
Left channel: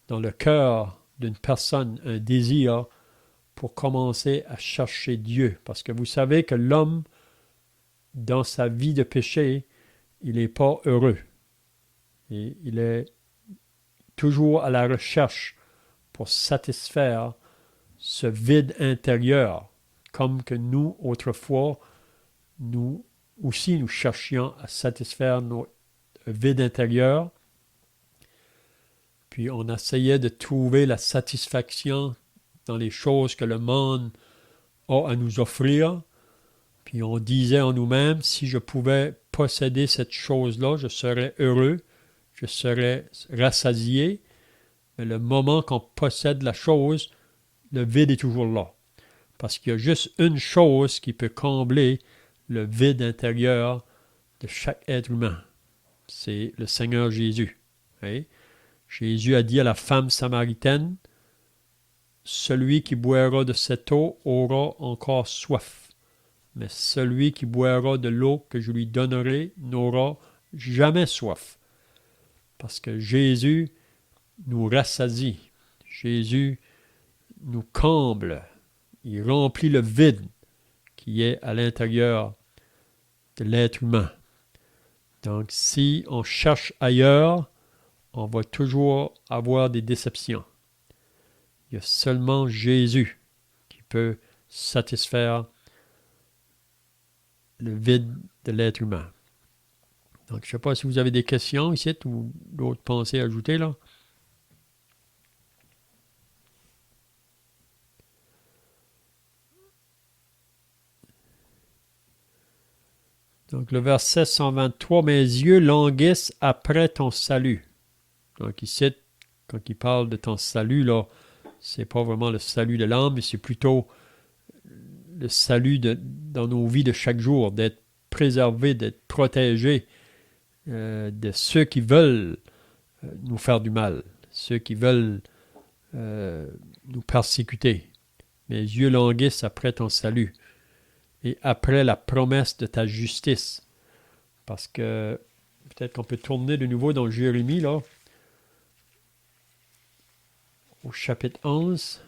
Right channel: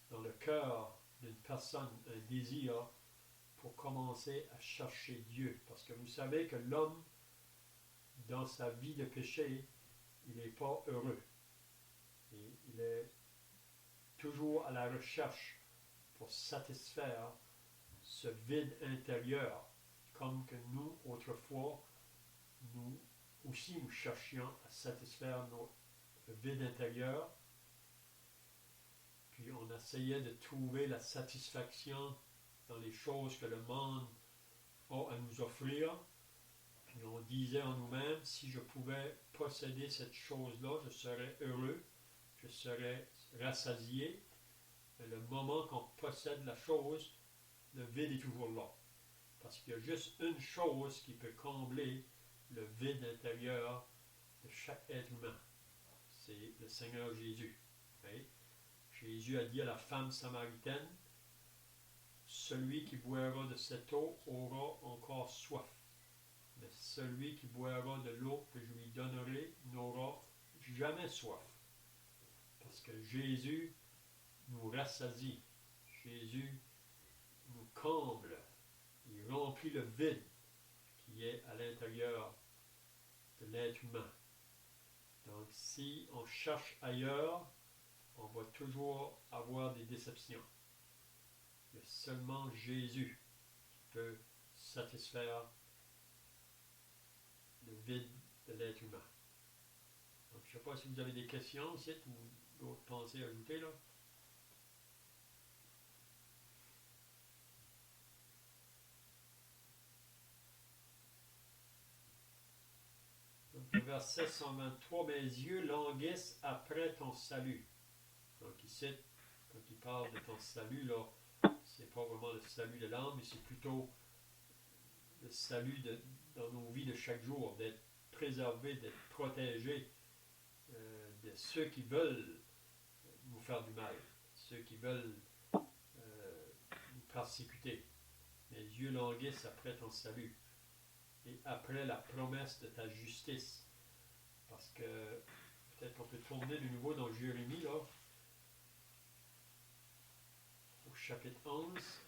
dans le cœur d'une personne un désir pour commencer à chercher Dieu. Parce que vous savez que l'homme, dans sa vie de péché, il n'est pas heureux. Et il est toujours à la recherche pour satisfaire ce vide intérieur, comme que nous, autrefois, nous aussi, nous cherchions à satisfaire nos vides intérieurs. Puis on essayait de trouver la satisfaction dans les choses que le monde a à nous offrir. Puis on disait en nous-mêmes, si je pouvais posséder cette chose-là, je serais heureux, je serais rassasié. Mais le moment qu'on possède la chose, le vide est toujours là. Parce qu'il y a juste une chose qui peut combler le vide intérieur de chaque être humain. C'est le Seigneur Jésus. Oui? Jésus a dit à la femme samaritaine, « Celui qui boira de cette eau aura encore soif, mais celui qui boira de l'eau que je lui donnerai n'aura jamais soif. » Parce que Jésus nous rassasie. Jésus nous comble. Il remplit le vide qui est à l'intérieur de l'être humain. Donc, si on cherche ailleurs, on va toujours avoir des déceptions. Il y a seulement Jésus qui peut satisfaire le vide de l'être humain. Donc, je ne sais pas si vous avez des questions ici ou d'autres pensées à ajouter là. Donc, le verset 123, « Mes yeux languissent après ton salut. » Donc, ici, quand il parle de ton salut, là, c'est pas vraiment le salut de l'âme, mais c'est plutôt le salut dans nos vies de chaque jour, d'être préservés, d'être protégés de ceux qui veulent nous faire du mal, ceux qui veulent nous persécuter. Mes yeux languissent après ton salut et après la promesse de ta justice. Parce que peut-être qu'on peut tourner de nouveau dans Jérémie, là, au chapitre 11.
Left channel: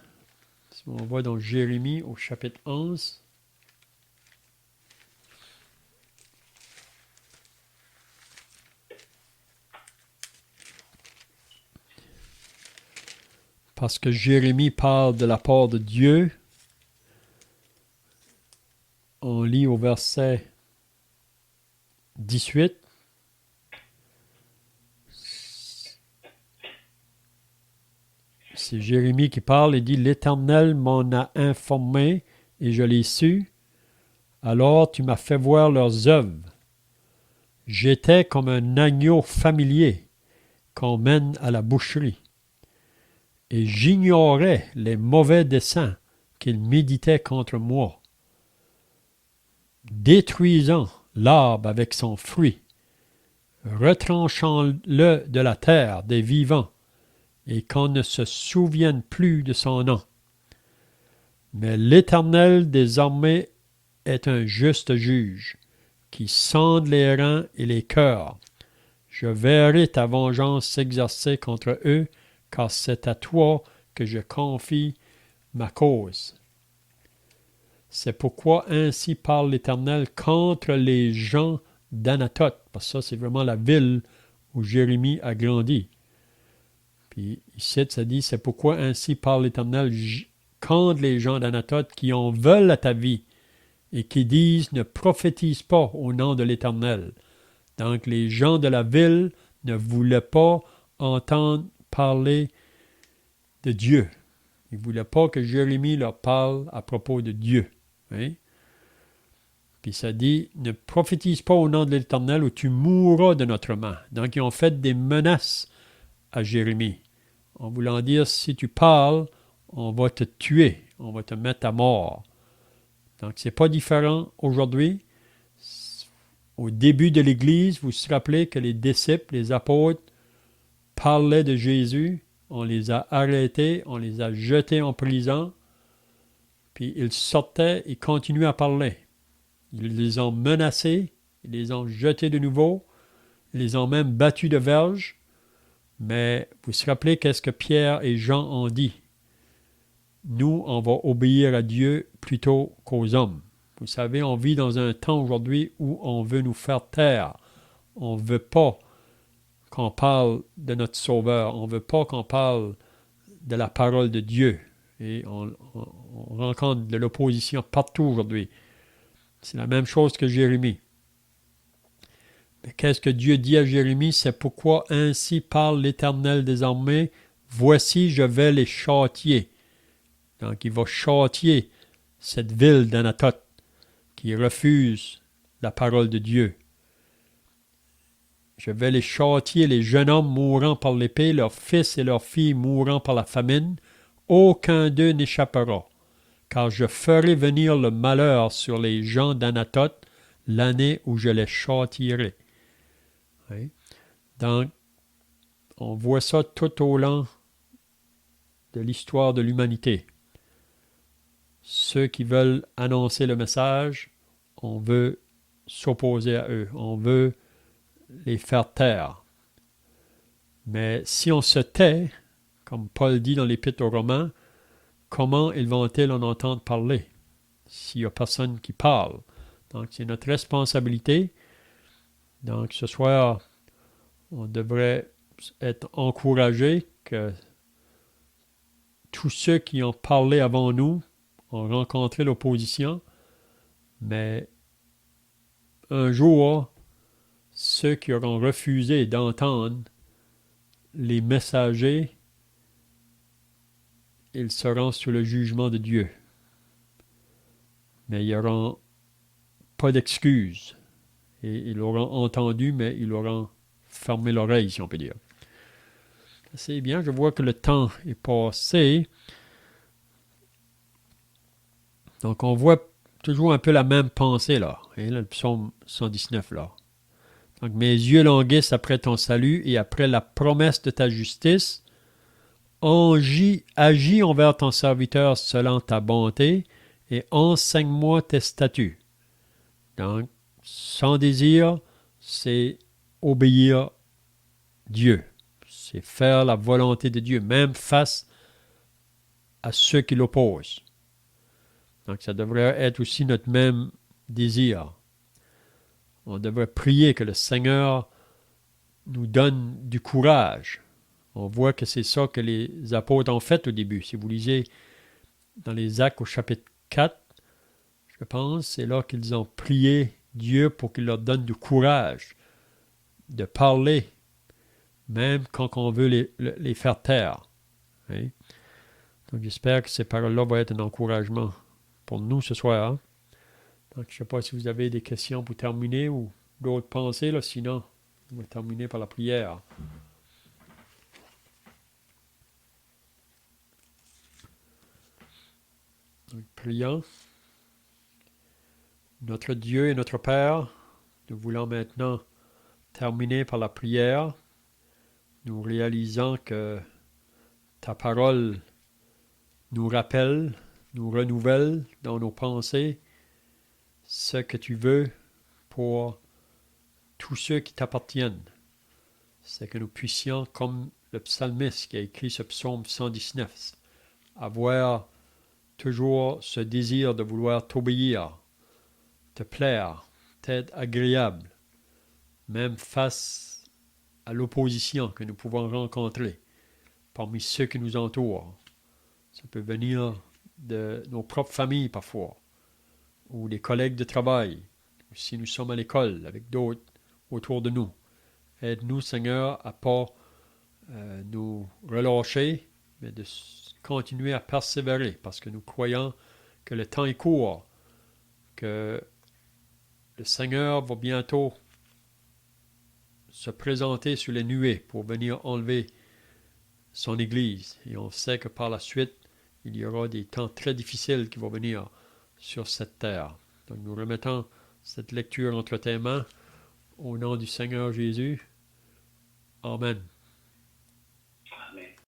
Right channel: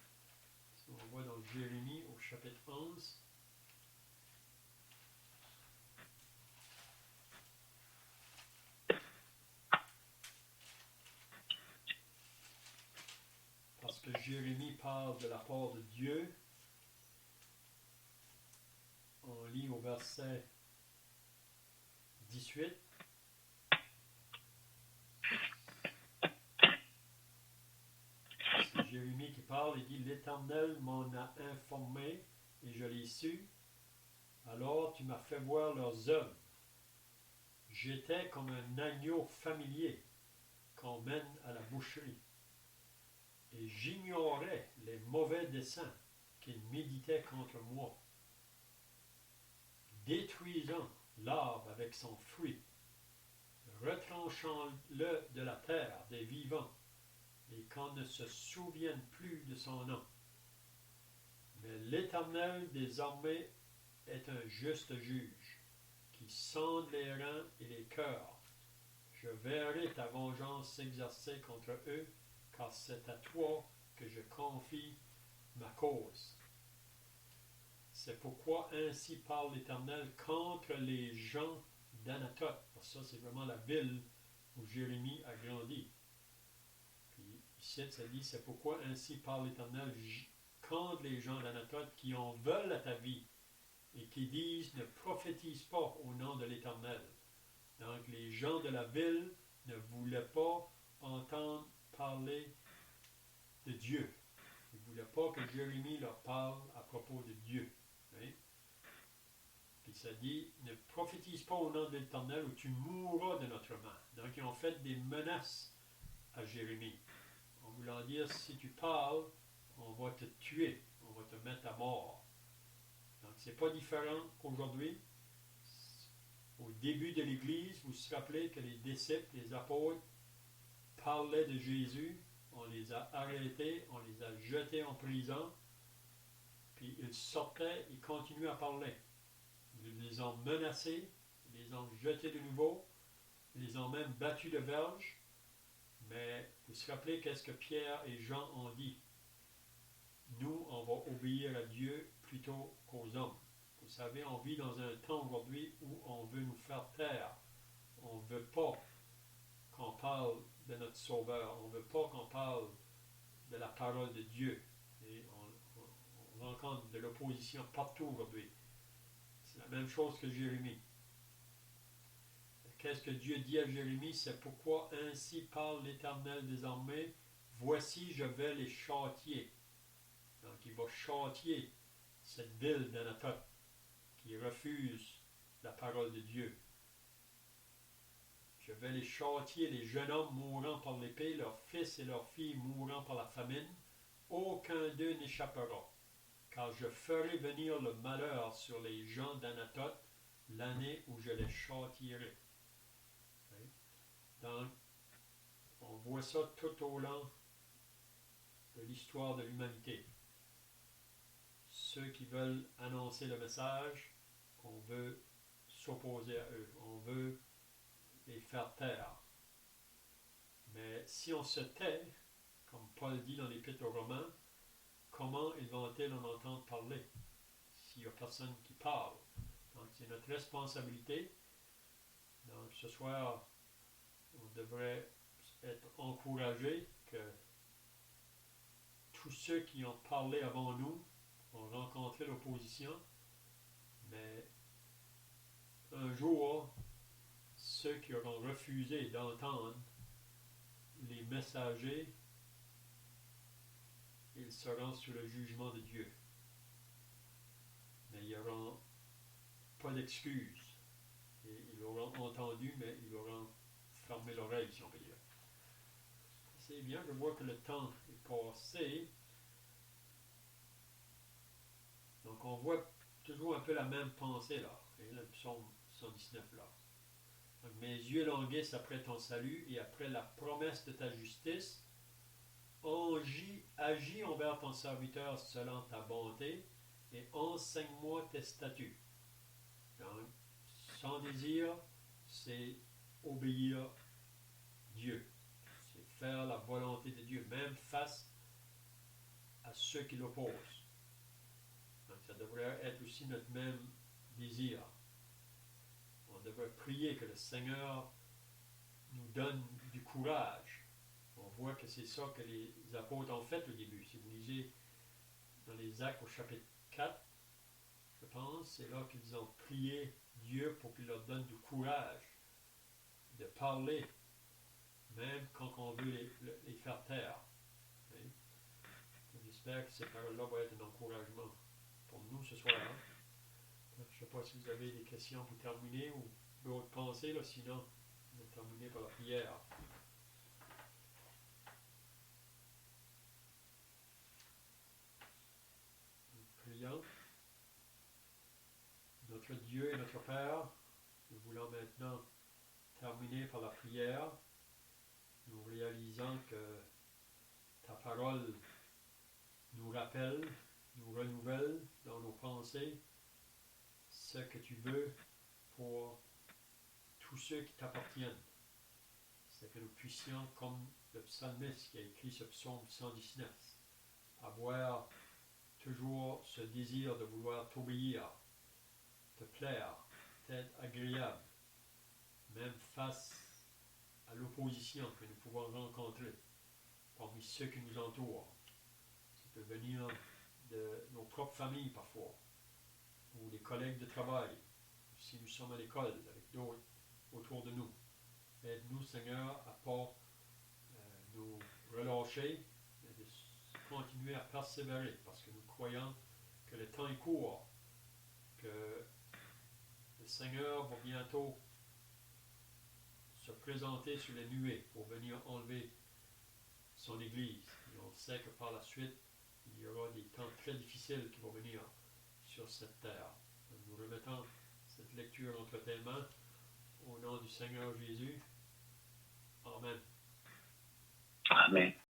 Si on va dans Jérémie au chapitre 11. parce que Jérémie parle de la part de Dieu. On lit au verset 18. C'est Jérémie qui parle et dit « L'Éternel m'en a informé et je l'ai su. Alors tu m'as fait voir leurs œuvres. J'étais comme un agneau familier qu'on mène à la boucherie. Et j'ignorais les mauvais desseins qu'ils méditaient contre moi, détruisant l'arbre avec son fruit, retranchant-le de la terre des vivants, et qu'on ne se souvienne plus de son nom. Mais l'Éternel des armées est un juste juge, qui sonde les reins et les cœurs. Je verrai ta vengeance s'exercer contre eux, car c'est à toi que je confie ma cause. C'est pourquoi ainsi parle l'Éternel contre les gens d'Anatoth, parce que ça c'est vraiment la ville où Jérémie a grandi. Puis ici ça dit, c'est pourquoi ainsi parle l'Éternel contre les gens d'Anatoth qui en veulent à ta vie et qui disent ne prophétise pas au nom de l'Éternel. Donc les gens de la ville ne voulaient pas entendre parler de Dieu. Ils ne voulaient pas que Jérémie leur parle à propos de Dieu. Hein? Puis ça dit, ne prophétise pas au nom de l'Éternel ou tu mourras de notre main. Donc ils ont fait des menaces à Jérémie, en voulant dire, si tu parles, on va te tuer, on va te mettre à mort. Donc c'est pas différent aujourd'hui. Au début de l'Église, vous vous rappelez que les disciples, les apôtres, parlaient de Jésus, on les a arrêtés, on les a jetés en prison, puis ils sortaient et continuaient à parler. Ils les ont menacés, ils les ont jetés de nouveau, ils les ont même battus de verge, mais vous vous rappelez qu'est-ce que Pierre et Jean ont dit? Nous, on va obéir à Dieu plutôt qu'aux hommes. Vous savez, on vit dans un temps aujourd'hui où on veut nous faire taire. On ne veut pas qu'on parle de notre Sauveur. On ne veut pas qu'on parle de la parole de Dieu. Et on rencontre de l'opposition partout aujourd'hui. C'est la même chose que Jérémie. Mais qu'est-ce que Dieu dit à Jérémie? C'est pourquoi ainsi parle l'Éternel des armées. Voici, je vais les châtier. Donc, il va châtier cette ville d'Anatoth qui refuse la parole de Dieu. Je vais les châtier, les jeunes hommes mourant par l'épée, leurs fils et leurs filles mourant par la famine. Aucun d'eux n'échappera, car je ferai venir le malheur sur les gens d'Anatoth l'année où je les châtierai. Oui. Donc, on voit ça tout au long de l'histoire de l'humanité. Ceux qui veulent annoncer le message, on veut s'opposer à eux, on veut les faire taire. Mais si on se tait, comme Paul dit dans l'Épître aux Romains, comment ils vont-ils en entendre parler s'il n'y a personne qui parle? Donc c'est notre responsabilité. Donc ce soir, on devrait être encouragés que tous ceux qui ont parlé avant nous ont rencontré l'opposition, mais un jour, ceux qui auront refusé d'entendre les messagers, ils seront sous le jugement de Dieu. Mais ils n'auront pas d'excuses. Et ils l'auront entendu, mais ils auront fermé l'oreille, si on peut dire. C'est bien, je vois que le temps est passé. Donc, on voit toujours un peu la même pensée, là. Et là, le psaume 119, là. Donc, mes yeux languissent après ton salut et après la promesse de ta justice. Agis envers ton serviteur selon ta bonté et enseigne-moi tes statuts. Donc, son désir, c'est obéir Dieu. C'est faire la volonté de Dieu, même face à ceux qui l'opposent. Donc, ça devrait être aussi notre même désir. On devrait prier que le Seigneur nous donne du courage. On voit que c'est ça que les apôtres ont fait au début. Si vous lisez dans les Actes au chapitre 4, je pense, c'est là qu'ils ont prié Dieu pour qu'il leur donne du courage de parler, même quand on veut les faire taire. Hein? Donc j'espère que ces paroles-là vont être un encouragement pour nous ce soir. Hein? Donc je ne sais pas si vous avez des questions pour terminer ou d'autres pensées, là, sinon on va terminer par la prière. Donc, prions. Notre Dieu et notre Père, nous voulons maintenant terminer par la prière. Nous réalisons que ta parole nous rappelle, nous renouvelle dans nos pensées ce que tu veux pour tous ceux qui t'appartiennent. C'est que nous puissions, comme le psalmiste qui a écrit ce psaume 119, avoir toujours ce désir de vouloir t'obéir, te plaire, t'être agréable, même face à l'opposition que nous pouvons rencontrer parmi ceux qui nous entourent. Ça peut venir de nos propres familles parfois, ou des collègues de travail, ou si nous sommes à l'école avec d'autres autour de nous. Aide-nous, Seigneur, à ne pas nous relâcher, mais de continuer à persévérer, parce que nous croyons que le temps est court, que le Seigneur va bientôt se présenter sur les nuées pour venir enlever son Église. Et on sait que par la suite, il y aura des temps très difficiles qui vont venir sur cette terre. Donc nous remettons cette lecture entre tes mains au nom du Seigneur Jésus. Amen. Amen.